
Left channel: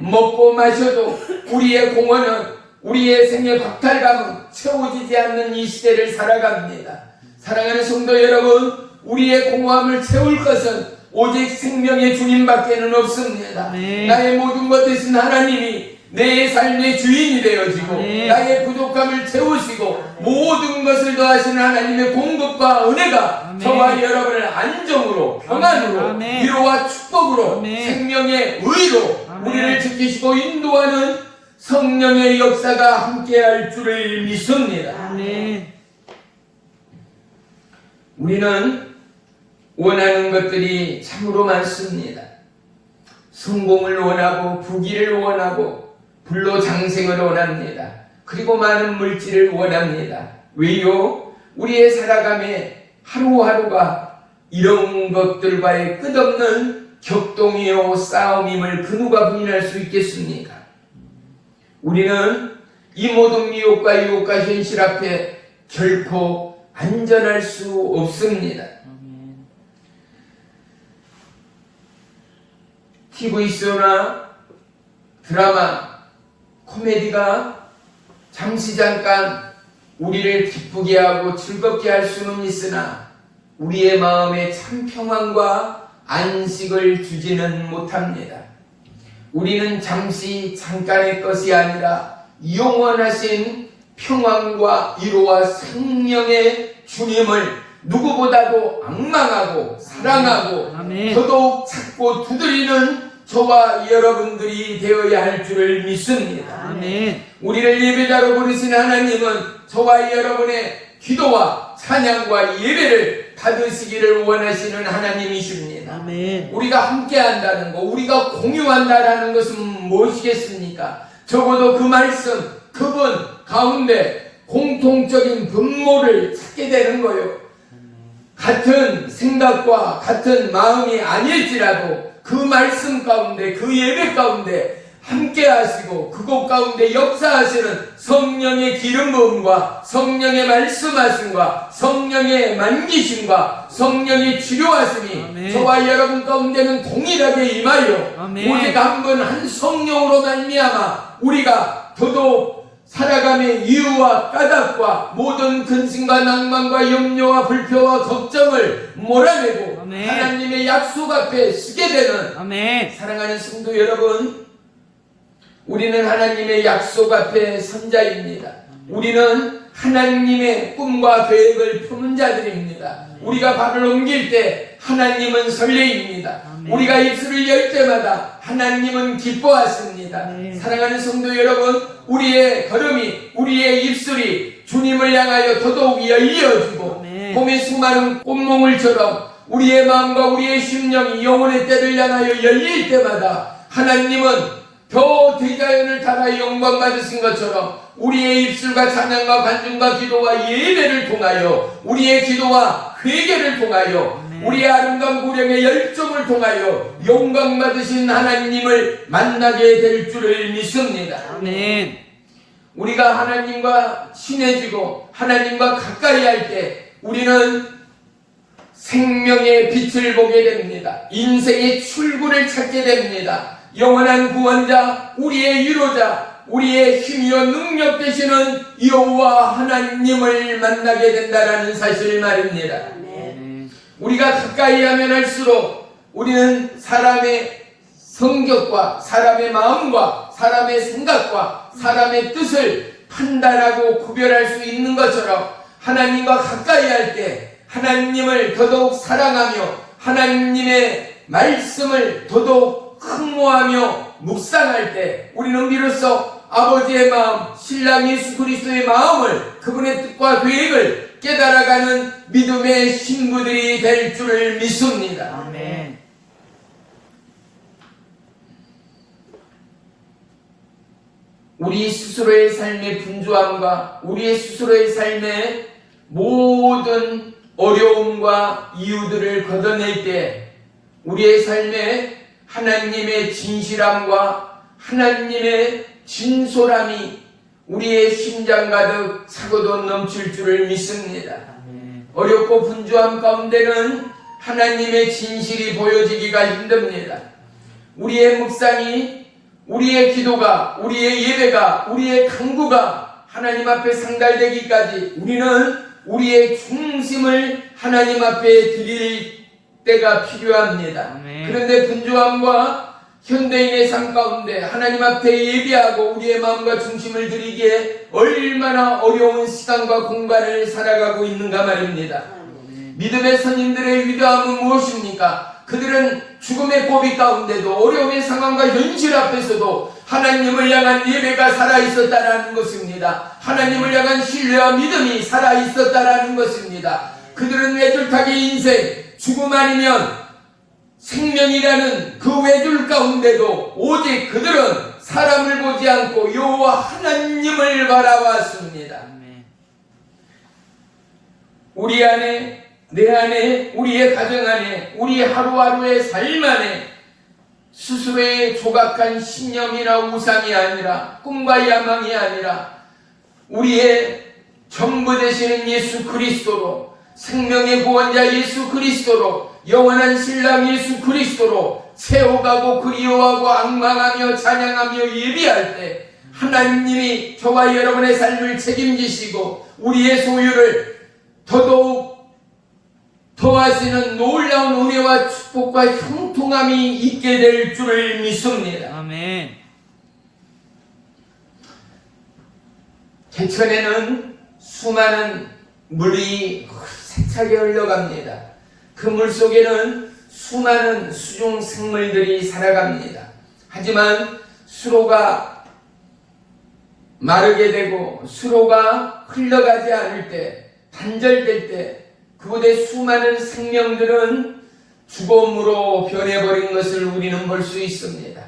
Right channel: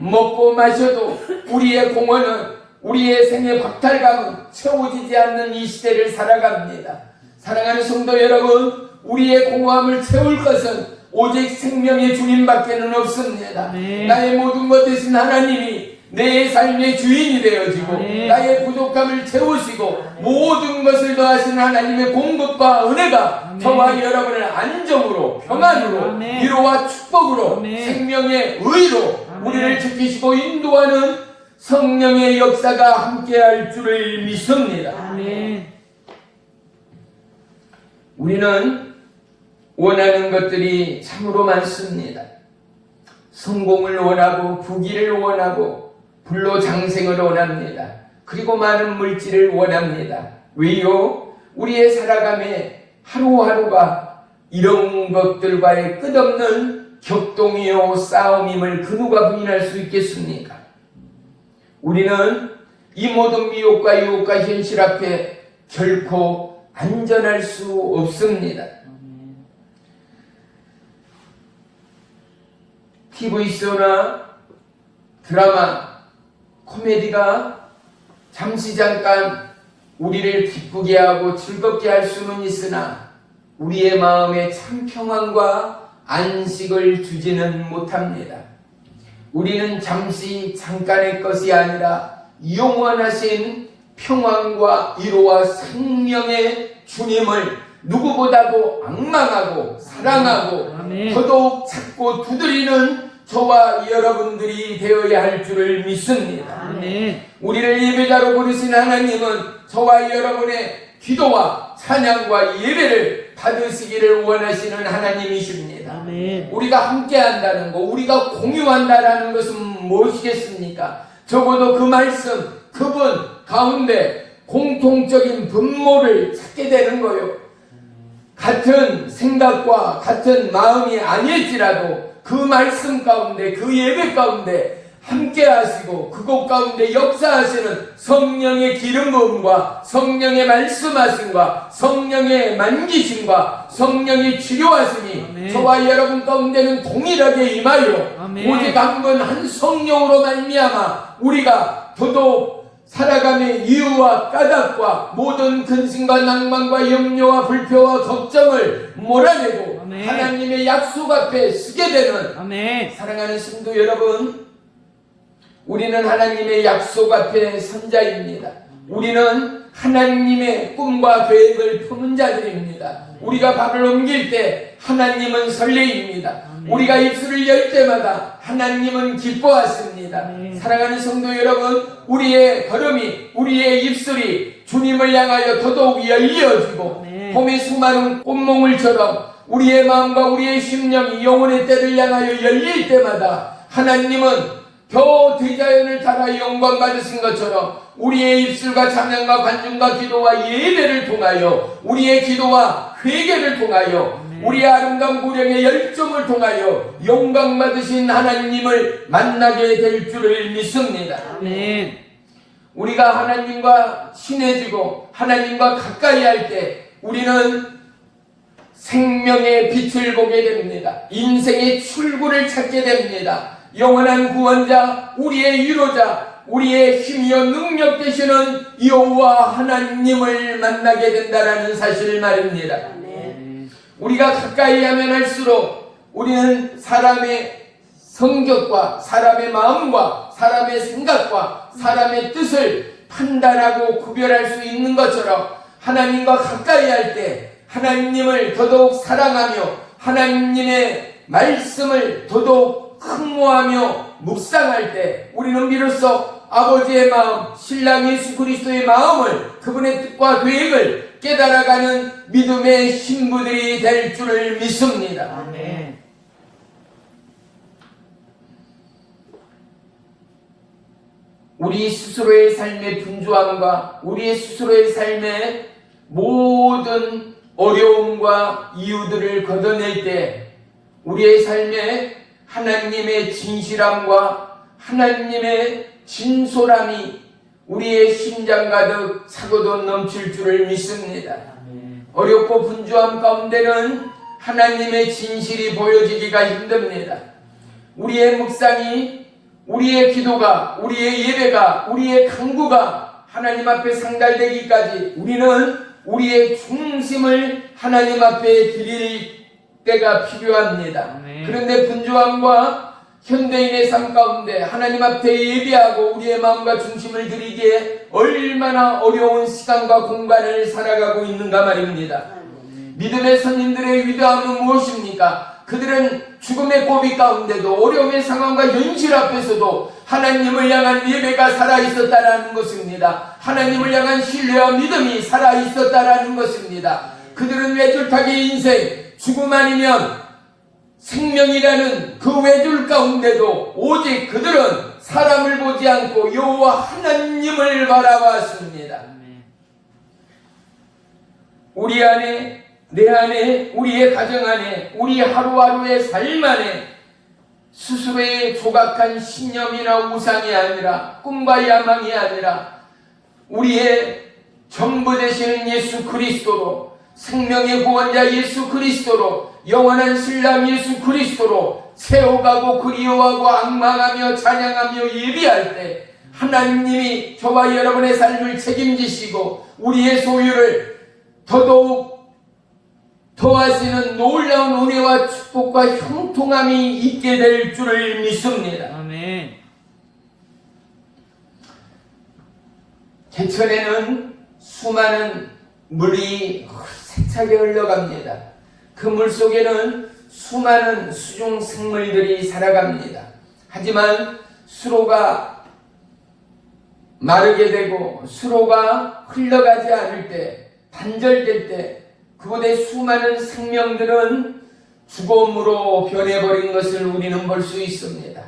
먹고 마셔도 우리의 공허는, 우리의 생의 박탈감은 채워지지 않는 이 시대를 살아갑니다. 사랑하는 성도 여러분, 우리의 공허함을 채울 것은 오직 생명의 주님밖에는 없습니다. 나의 모든 것 대신 하나님이 내 삶의 주인이 되어지고 나의 부족함을 채우시고 모든 것을 더하시는 하나님의 공급과 은혜가 저와 여러분을 안정으로, 평안으로, 위로와 축복으로, 생명의 의로 우리를 지키시고 인도하는 성령의 역사가 함께할 줄을 믿습니다. 우리는 원하는 것들이 참으로 많습니다. 성공을 원하고, 부귀를 원하고, 불로장생을 원합니다. 그리고 많은 물질을 원합니다. 왜요? 우리의 살아감에 하루하루가 이런 것들과의 끝없는 격동이요 싸움임을 그 누가 부인할 수 있겠습니까? 우리는 이 모든 미혹과 유혹과 현실 앞에 결코 안전할 수 없습니다. TV쇼나 드라마, 코미디가 잠시 잠깐 우리를 기쁘게 하고 즐겁게 할 수는 있으나 우리의 마음에 참 평안과 안식을 주지는 못합니다. 우리는 잠시 잠깐의 것이 아니라 영원하신 평안과 위로와 생명의 주님을 누구보다도 앙망하고 사랑하고 더더욱 찾고 두드리는 저와 여러분들이 되어야 할 줄을 믿습니다. 우리를 예배자로 부르신 하나님은 저와 여러분의 기도와 찬양과 예배를 받으시기를 원하시는 하나님이십니다. 우리가 함께한다는 것, 우리가 공유한다는 것은 무엇이겠습니까? 적어도 그 말씀, 그분 가운데 공통적인 분모를 찾게 되는 거예요. 같은 생각과 같은 마음이 아닐지라도 그 말씀 가운데, 그 예배 가운데 함께 하시고 그곳 가운데 역사하시는 성령의 기름 부음과 성령의 말씀하심과 성령의 만기심과 성령의 치료하심이 저와 여러분 가운데는 동일하게 임하여 오직 한 분 한 성령으로 말미암아 우리가 더더욱 살아감의 이유와 까닭과 모든 근심과 낭만과 염려와 불평과 걱정을 몰아내고 하나님의 약속 앞에 서게 되는 사랑하는 성도 여러분, 우리는 하나님의 약속 앞에 선 자입니다. 우리는 하나님의 꿈과 계획을 품은 자들입니다. 우리가 발을 옮길 때 하나님은 설레입니다. 우리가 입술을 열 때마다 하나님은 기뻐하십니다. 사랑하는 성도 여러분, 우리의 걸음이, 우리의 입술이 주님을 향하여 더더욱 열려지고 봄의 수많은 꽃몽울처럼 우리의 마음과 우리의 심령이 영혼의 때를 향하여 열릴 때마다 하나님은 더 대자연을 따라 영광 받으신 것처럼 우리의 입술과 찬양과 간증과 기도와 예배를 통하여 우리의 기도와 회개를 통하여 우리의 아름다운 고령의 열정을 통하여 영광 받으신 하나님을 만나게 될 줄을 믿습니다. 우리가 하나님과 친해지고 하나님과 가까이 할 때 우리는 생명의 빛을 보게 됩니다. 인생의 출구를 찾게 됩니다. 영원한 구원자, 우리의 위로자, 우리의 힘이여 능력 되시는 여호와 하나님을 만나게 된다는 사실 말입니다. 우리가 가까이 하면 할수록 우리는 사람의 성격과 사람의 마음과 사람의 생각과 사람의 뜻을 판단하고 구별할 수 있는 것처럼 하나님과 가까이 할 때 하나님을 더더욱 사랑하며 하나님의 말씀을 더더욱 흠모하며 묵상할 때 우리는 비로소 아버지의 마음, 신랑 예수 그리스도의 마음을, 그분의 뜻과 계획을 깨달아가는 믿음의 신부들이 될 줄을 믿습니다. 아멘. 우리 스스로의 삶의 분주함과 우리의 스스로의 삶의 모든 어려움과 이유들을 걷어낼 때 우리의 삶에 하나님의 진실함과 하나님의 진솔함이 우리의 심장 가득 차고도 넘칠 줄을 믿습니다. 어렵고 분주함 가운데는 하나님의 진실이 보여지기가 힘듭니다. 우리의 묵상이, 우리의 기도가, 우리의 예배가, 우리의 간구가 하나님 앞에 상달되기까지 우리는 우리의 중심을 하나님 앞에 드릴 때가 필요합니다. 그런데 분주함과 현대인의 삶 가운데 하나님 앞에 예배하고 우리의 마음과 중심을 드리기에 얼마나 어려운 시간과 공간을 살아가고 있는가 말입니다. 믿음의 선인들의 위대함은 무엇입니까? 그들은 죽음의 고비 가운데도 어려움의 상황과 현실 앞에서도 하나님을 향한 예배가 살아있었다라는 것입니다. 하나님을 향한 신뢰와 믿음이 살아있었다라는 것입니다. 그들은 외줄타기 인생, 죽음 아니면 생명이라는 그 외줄 가운데도 오직 그들은 사람을 보지 않고 여호와 하나님을 바라봤습니다. 우리 안에, 내 안에, 우리의 가정 안에, 우리 하루하루의 삶 안에 스스로의 조각한 신념이나 우상이 아니라, 꿈과 야망이 아니라 우리의 전부 되시는 예수 그리스도로, 생명의 구원자 예수 그리스도로, 영원한 신랑 예수 그리스도로 세워가고 그리워하고 악망하며 찬양하며 예비할 때 하나님이 저와 여러분의 삶을 책임지시고 우리의 소유를 더더욱 더하시는 놀라운 은혜와 축복과 형통함이 있게 될 줄을 믿습니다. 아멘. 개천에는 수많은 물이 세차게 흘러갑니다. 그 물 속에는 수많은 수중 생물들이 살아갑니다. 하지만 수로가 마르게 되고 수로가 흘러가지 않을 때, 단절될 때 그곳의 수많은 생명들은 죽음으로 변해버린 것을 우리는 볼 수 있습니다.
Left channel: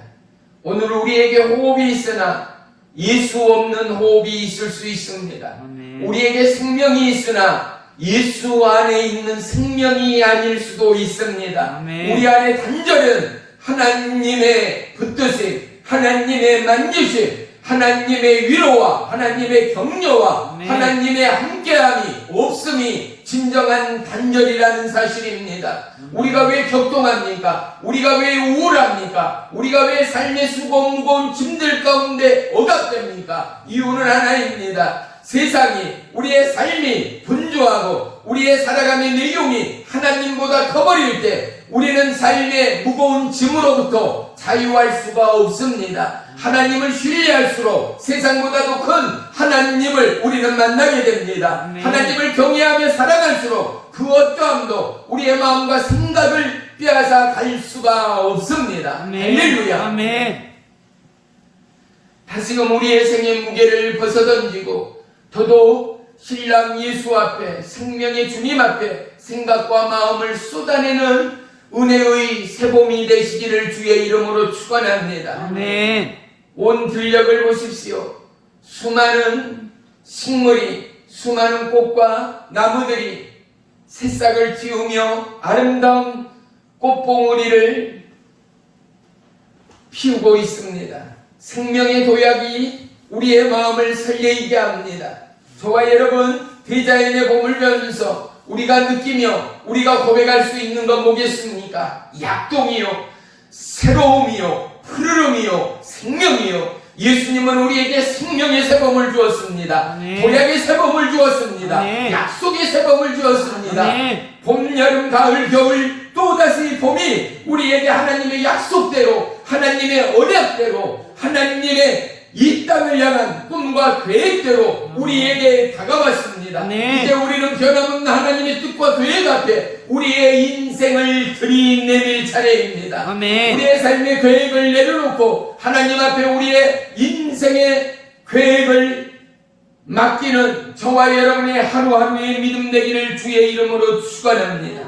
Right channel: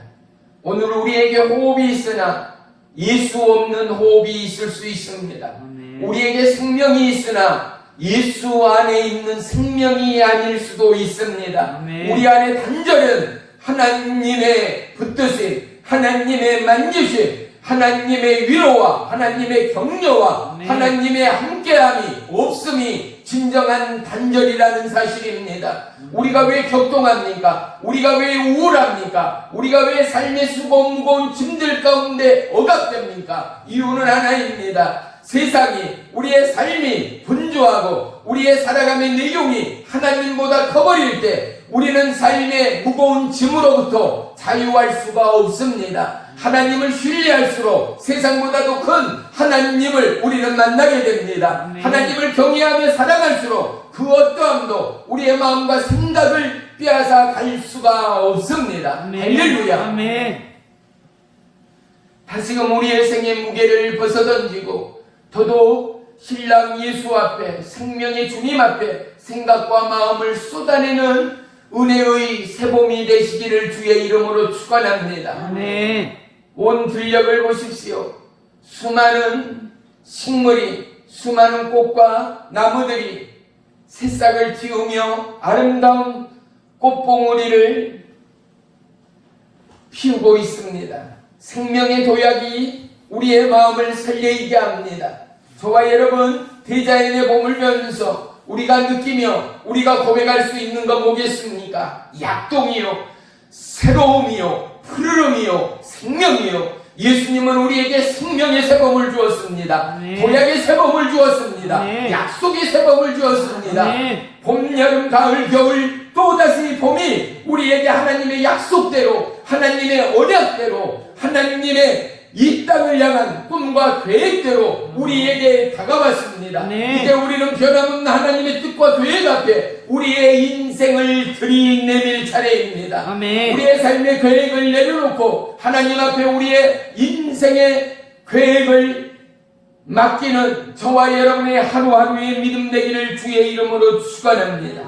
오늘 우리에게 호흡이 있으나 예수 없는 호흡이 있을 수 있습니다. 우리에게 생명이 있으나 예수 안에 있는 생명이 아닐 수도 있습니다. 우리 안에 단절은 하나님의 붙드심, 하나님의 만지심, 하나님의 위로와 하나님의 격려와 하나님의 함께함이 없음이 진정한 단절이라는 사실입니다. 우리가 왜 격동합니까? 우리가 왜 우울합니까? 우리가 왜 삶의 무거운 짐들 가운데 억압됩니까? 이유는 하나입니다. 세상이, 우리의 삶이 분주하고 우리의 살아감의 내용이 하나님보다 커버릴 때 우리는 삶의 무거운 짐으로부터 자유할 수가 없습니다. 하나님을 신뢰할수록 세상보다도 큰 하나님을 우리는 만나게 됩니다. 하나님을 경외하며 살아갈수록 그 어떠함도 우리의 마음과 생각을 빼앗아 갈 수가 없습니다. 할렐루야. 아멘. 다시금 우리의 생의 무게를 벗어던지고 더더욱 신랑 예수 앞에, 생명의 주님 앞에 생각과 마음을 쏟아내는 은혜의 새봄이 되시기를 주의 이름으로 축원합니다. 아멘. 온 들녘을 보십시오. 수많은 식물이, 수많은 꽃과 나무들이 새싹을 틔우며 아름다운 꽃봉오리를 피우고 있습니다. 생명의 도약이 우리의 마음을 설레이게 합니다. 저와 여러분, 대자연의 봄을 배우면서 우리가 느끼며 우리가 고백할 수 있는 건 뭐겠습니까? 약동이요, 새로움이요, 푸르름이요, 생명이요. 예수님은 우리에게 생명의 새봄을 주었습니다. 도약의 새봄을 주었습니다. 약속의 새봄을 주었습니다. 봄, 여름, 가을, 겨울 또다시 봄이 우리에게 하나님의 약속대로, 하나님의 언약대로, 하나님의 이 땅을 향한 꿈과 계획대로 우리에게 다가왔습니다. 이제 우리는 변함없는 하나님의 뜻과 계획 앞에 우리의 인생을 들이내밀 차례입니다. 우리의 삶의 계획을 내려놓고 하나님 앞에 우리의 인생의 계획을 맡기는 저와 여러분의 하루하루의 믿음 되기를 주의 이름으로 축원합니다.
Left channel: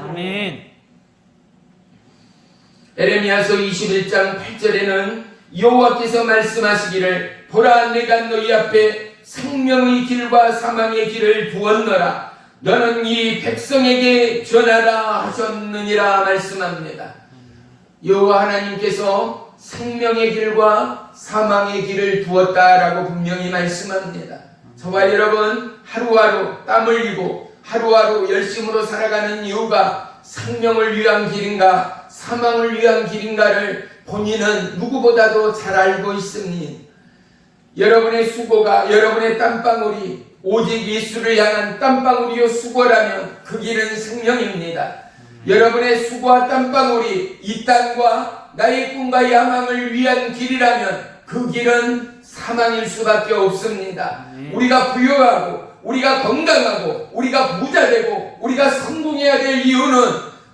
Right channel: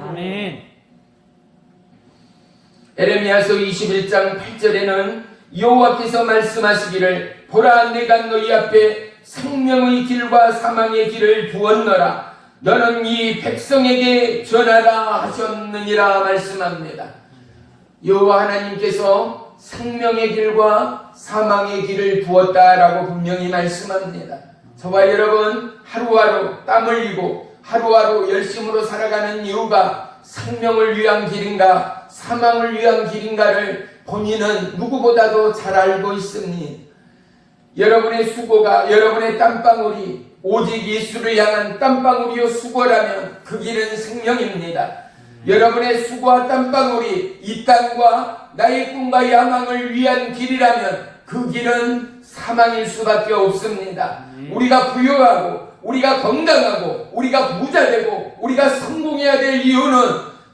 에레미야서 21장 8절에는 여호와께서 말씀하시기를 보라, 내가 너희 앞에 생명의 길과 사망의 길을 부었노라. 너는 이 백성에게 전하라 하셨느니라 말씀합니다. 여호와 하나님께서 생명의 길과 사망의 길을 두었다라고 분명히 말씀합니다. 저와 여러분 하루하루 땀 흘리고 하루하루 열심으로 살아가는 이유가 생명을 위한 길인가 사망을 위한 길인가를 본인은 누구보다도 잘 알고 있습니다. 여러분의 수고가 여러분의 땀방울이 오직 예수를 향한 땀방울이요 수고라면 그 길은 생명입니다. 여러분의 수고와 땀방울이 이 땅과 나의 꿈과 야망을 위한 길이라면 그 길은 사망일 수밖에 없습니다. 우리가 부유하고 우리가 건강하고 우리가 부자되고 우리가 성공해야 될 이유는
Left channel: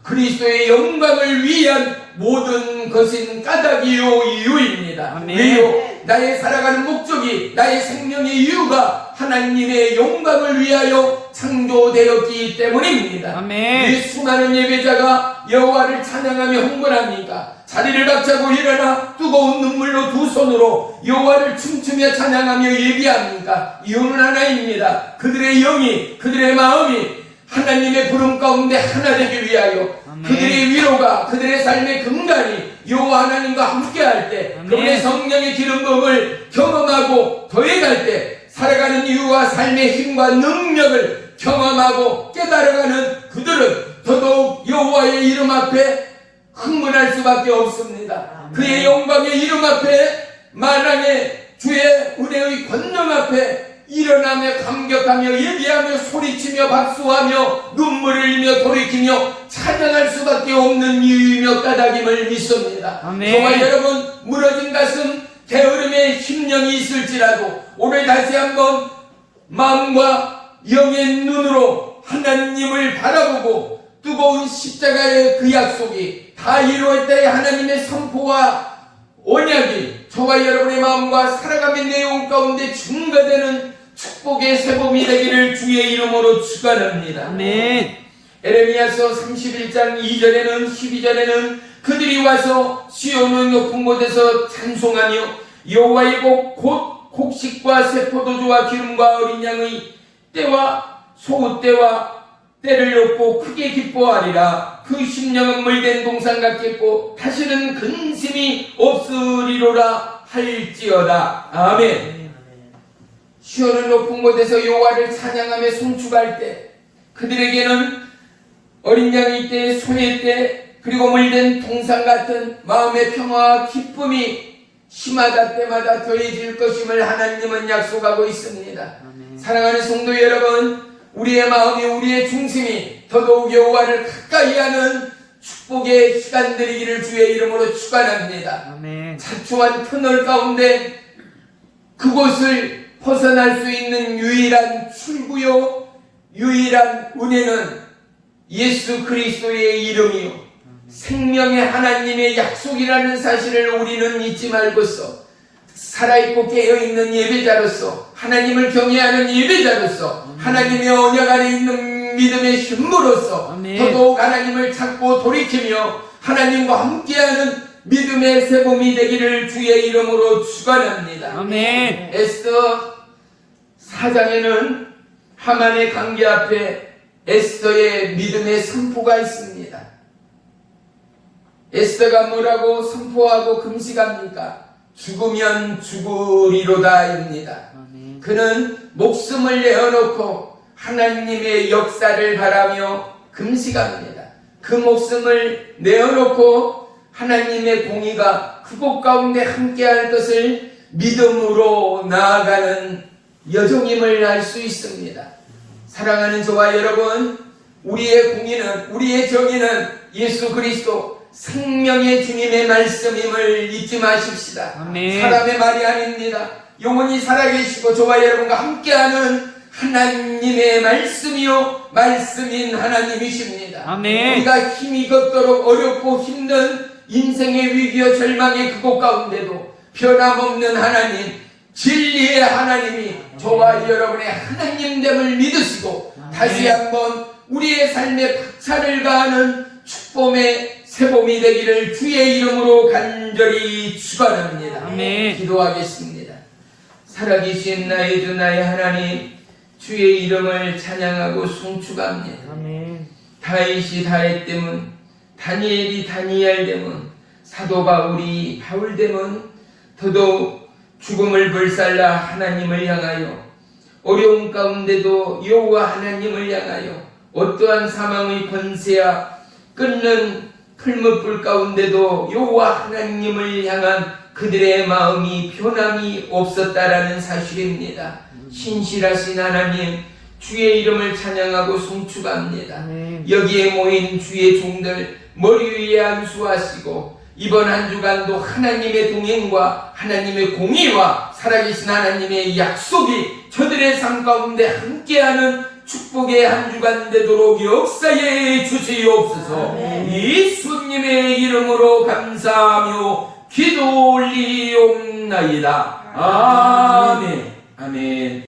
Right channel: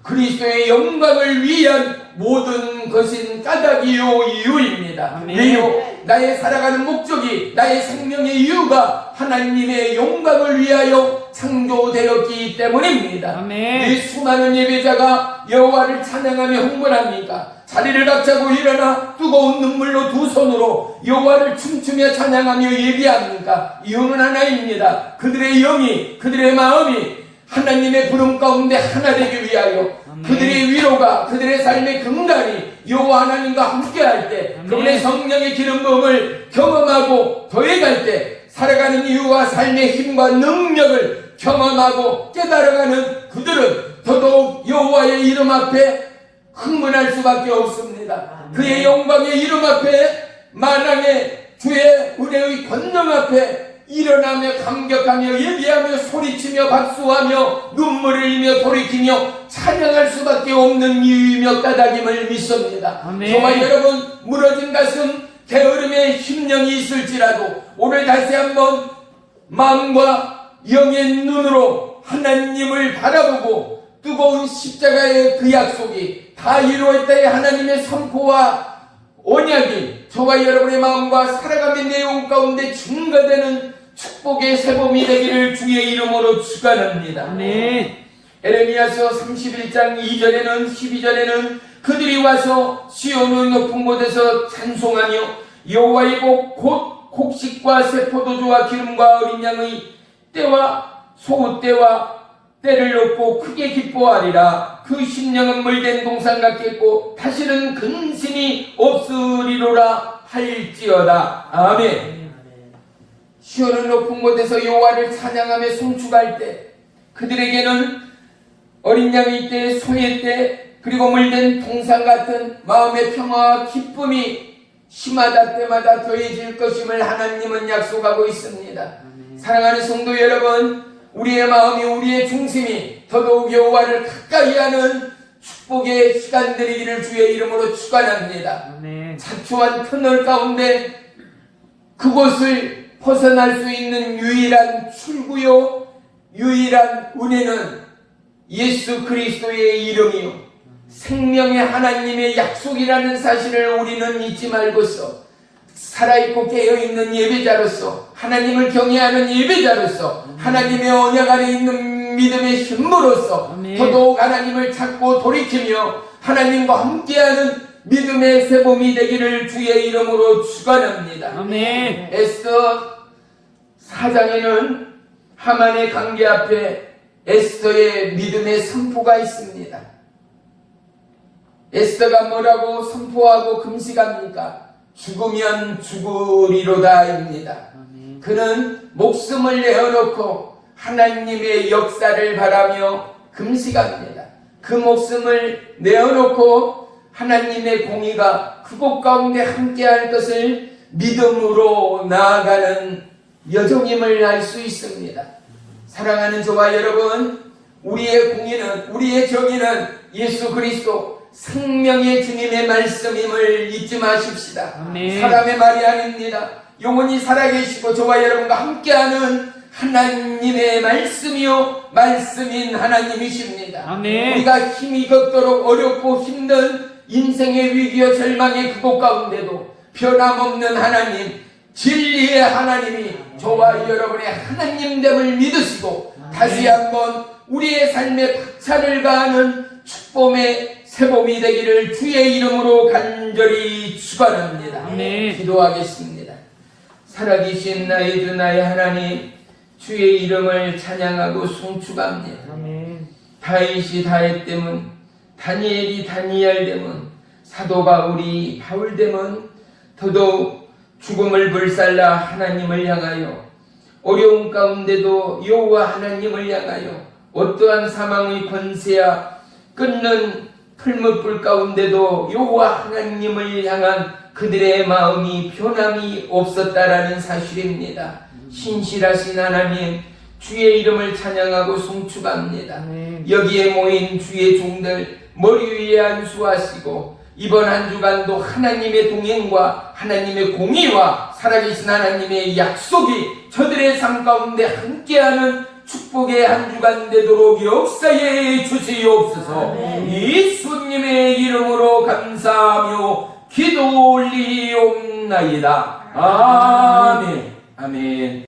그리스도의 영광을 위한 모든 것인 까닭이요 이유입니다. 왜요? 나의 살아가는 목적이 나의 생명의 이유가 하나님의 영광을 위하여 창조되었기 때문입니다. 이 수많은 예배자가 여호와를 찬양하며 흥분합니까? 자리를 박차고 일어나 뜨거운 눈물로 두 손으로 여호와를 춤추며 찬양하며 예배합니까? 이유는 하나입니다. 그들의 영이 그들의 마음이 하나님의 부름 가운데 하나 되기 위하여 그들의 위로가 그들의 삶의 근간이 여호와 하나님과 함께할 때 그분의 성령의 기름 부음을 경험하고 더해갈 때 살아가는 이유와 삶의 힘과 능력을 경험하고 깨달아가는 그들은 더더욱 여호와의 이름 앞에 흥분할 수밖에 없습니다. 그의 영광의 이름 앞에 만왕의 주의 은혜의 권능 앞에 일어나며 감격하며 예배하며 소리치며 박수하며 눈물을 흘리며 돌이키며 찬양할 수밖에 없는 이유이며 까닭임을 믿습니다. 저와 여러분 무너진 가슴 게으름의 심령이 있을지라도 오늘 다시 한번 마음과 영의 눈으로 하나님을 바라보고 뜨거운 십자가의 그 약속이 다 이루어질 때 하나님의 선포와 언약이 저와 여러분의 마음과 살아가는 내용 가운데 증거되는 축복의 새봄이 되기를 주의 이름으로 축원합니다. 에레미야서 31장 2절에는 12절에는 그들이 와서 시온의 높은 곳에서 찬송하며 여호와의 복 곧 곡식과 새포도주와 기름과 어린 양의 때와 소옷때와 때를 얻고 크게 기뻐하리라. 그 심령은 물된 동산 같겠고 다시는 근심이 없으리로라 할지어다. 아멘. 시온의 높은 곳에서 여호와를 찬양하며 송축할 때 그들에게는 어린 양의 때, 소의 때, 그리고 물된 동산 같은 마음의 평화와 기쁨이 심하다 때마다 더해질 것임을 하나님은 약속하고 있습니다. 사랑하는 성도 여러분, 우리의 마음이 우리의 중심이 더더욱 여호와를 가까이 하는 축복의 시간 되기를 주의 이름으로 축원합니다. 자초한 터널 가운데 그곳을 벗어날 수 있는 유일한 출구요 유일한 은혜는 예수 그리스도의 이름이요 생명의 하나님의 약속이라는 사실을 우리는 잊지 말고서 살아있고 깨어있는 예배자로서 하나님을 경외하는 예배자로서 하나님의 언약 안에 있는 믿음의 힘으로써 더더욱 하나님을 찾고 돌이키며 하나님과 함께하는 믿음의 새봄이 되기를 주의 이름으로 축원합니다. 아멘. 에스더 4장에는 하만의 관계 앞에 에스더의 믿음의 선포가 있습니다. 에스더가 뭐라고 선포하고 금식합니까? 죽으면 죽으리로다입니다. 그는 목숨을 내어놓고 하나님의 역사를 바라며 금식합니다. 그 목숨을 내어놓고 하나님의 공의가 그곳 가운데 함께할 것을 믿음으로 나아가는 여정임을 알 수 있습니다. 사랑하는 저와 여러분, 우리의 공의는 우리의 정의는 예수 그리스도 생명의 주님의 말씀임을 잊지 마십시다. 아멘. 사람의 말이 아닙니다. 영원히 살아계시고 저와 여러분과 함께하는 하나님의 말씀이요 말씀인 하나님이십니다. 아멘. 우리가 힘이 걷도록 어렵고 힘든 인생의 위기와 절망의 그곳 가운데도 변함없는 하나님, 진리의 하나님이 저와 여러분의 하나님됨을 믿으시고 다시 한번 우리의 삶에 박차를 가하는 축복의 새봄이 되기를 주의 이름으로 간절히 축원합니다. 아멘. 기도하겠습니다. 살아계신 나의 주 나의 하나님, 주의 이름을 찬양하고 송축합니다. 다윗이 다윗됨은, 다니엘이 다니엘됨은, 사도 바울이 바울됨은 더더욱 죽음을 불살라 하나님을 향하여 어려움 가운데도 여호와 하나님을 향하여 어떠한 사망의 권세야 끊는 풀무불 가운데도 여호와 하나님을 향한 그들의 마음이 변함이 없었다라는 사실입니다. 신실하신 하나님, 주의 이름을 찬양하고 송축합니다. 여기에 모인 주의 종들 머리 위에 안수하시고 이번 한 주간도 하나님의 동행과 하나님의 공의와 살아계신 하나님의 약속이 저들의 삶 가운데 함께하는 축복의 한 주간 되도록 역사해 주시옵소서. 예수님의 이름으로 감사하며 기도 올리옵나이다. 아멘. 아멘.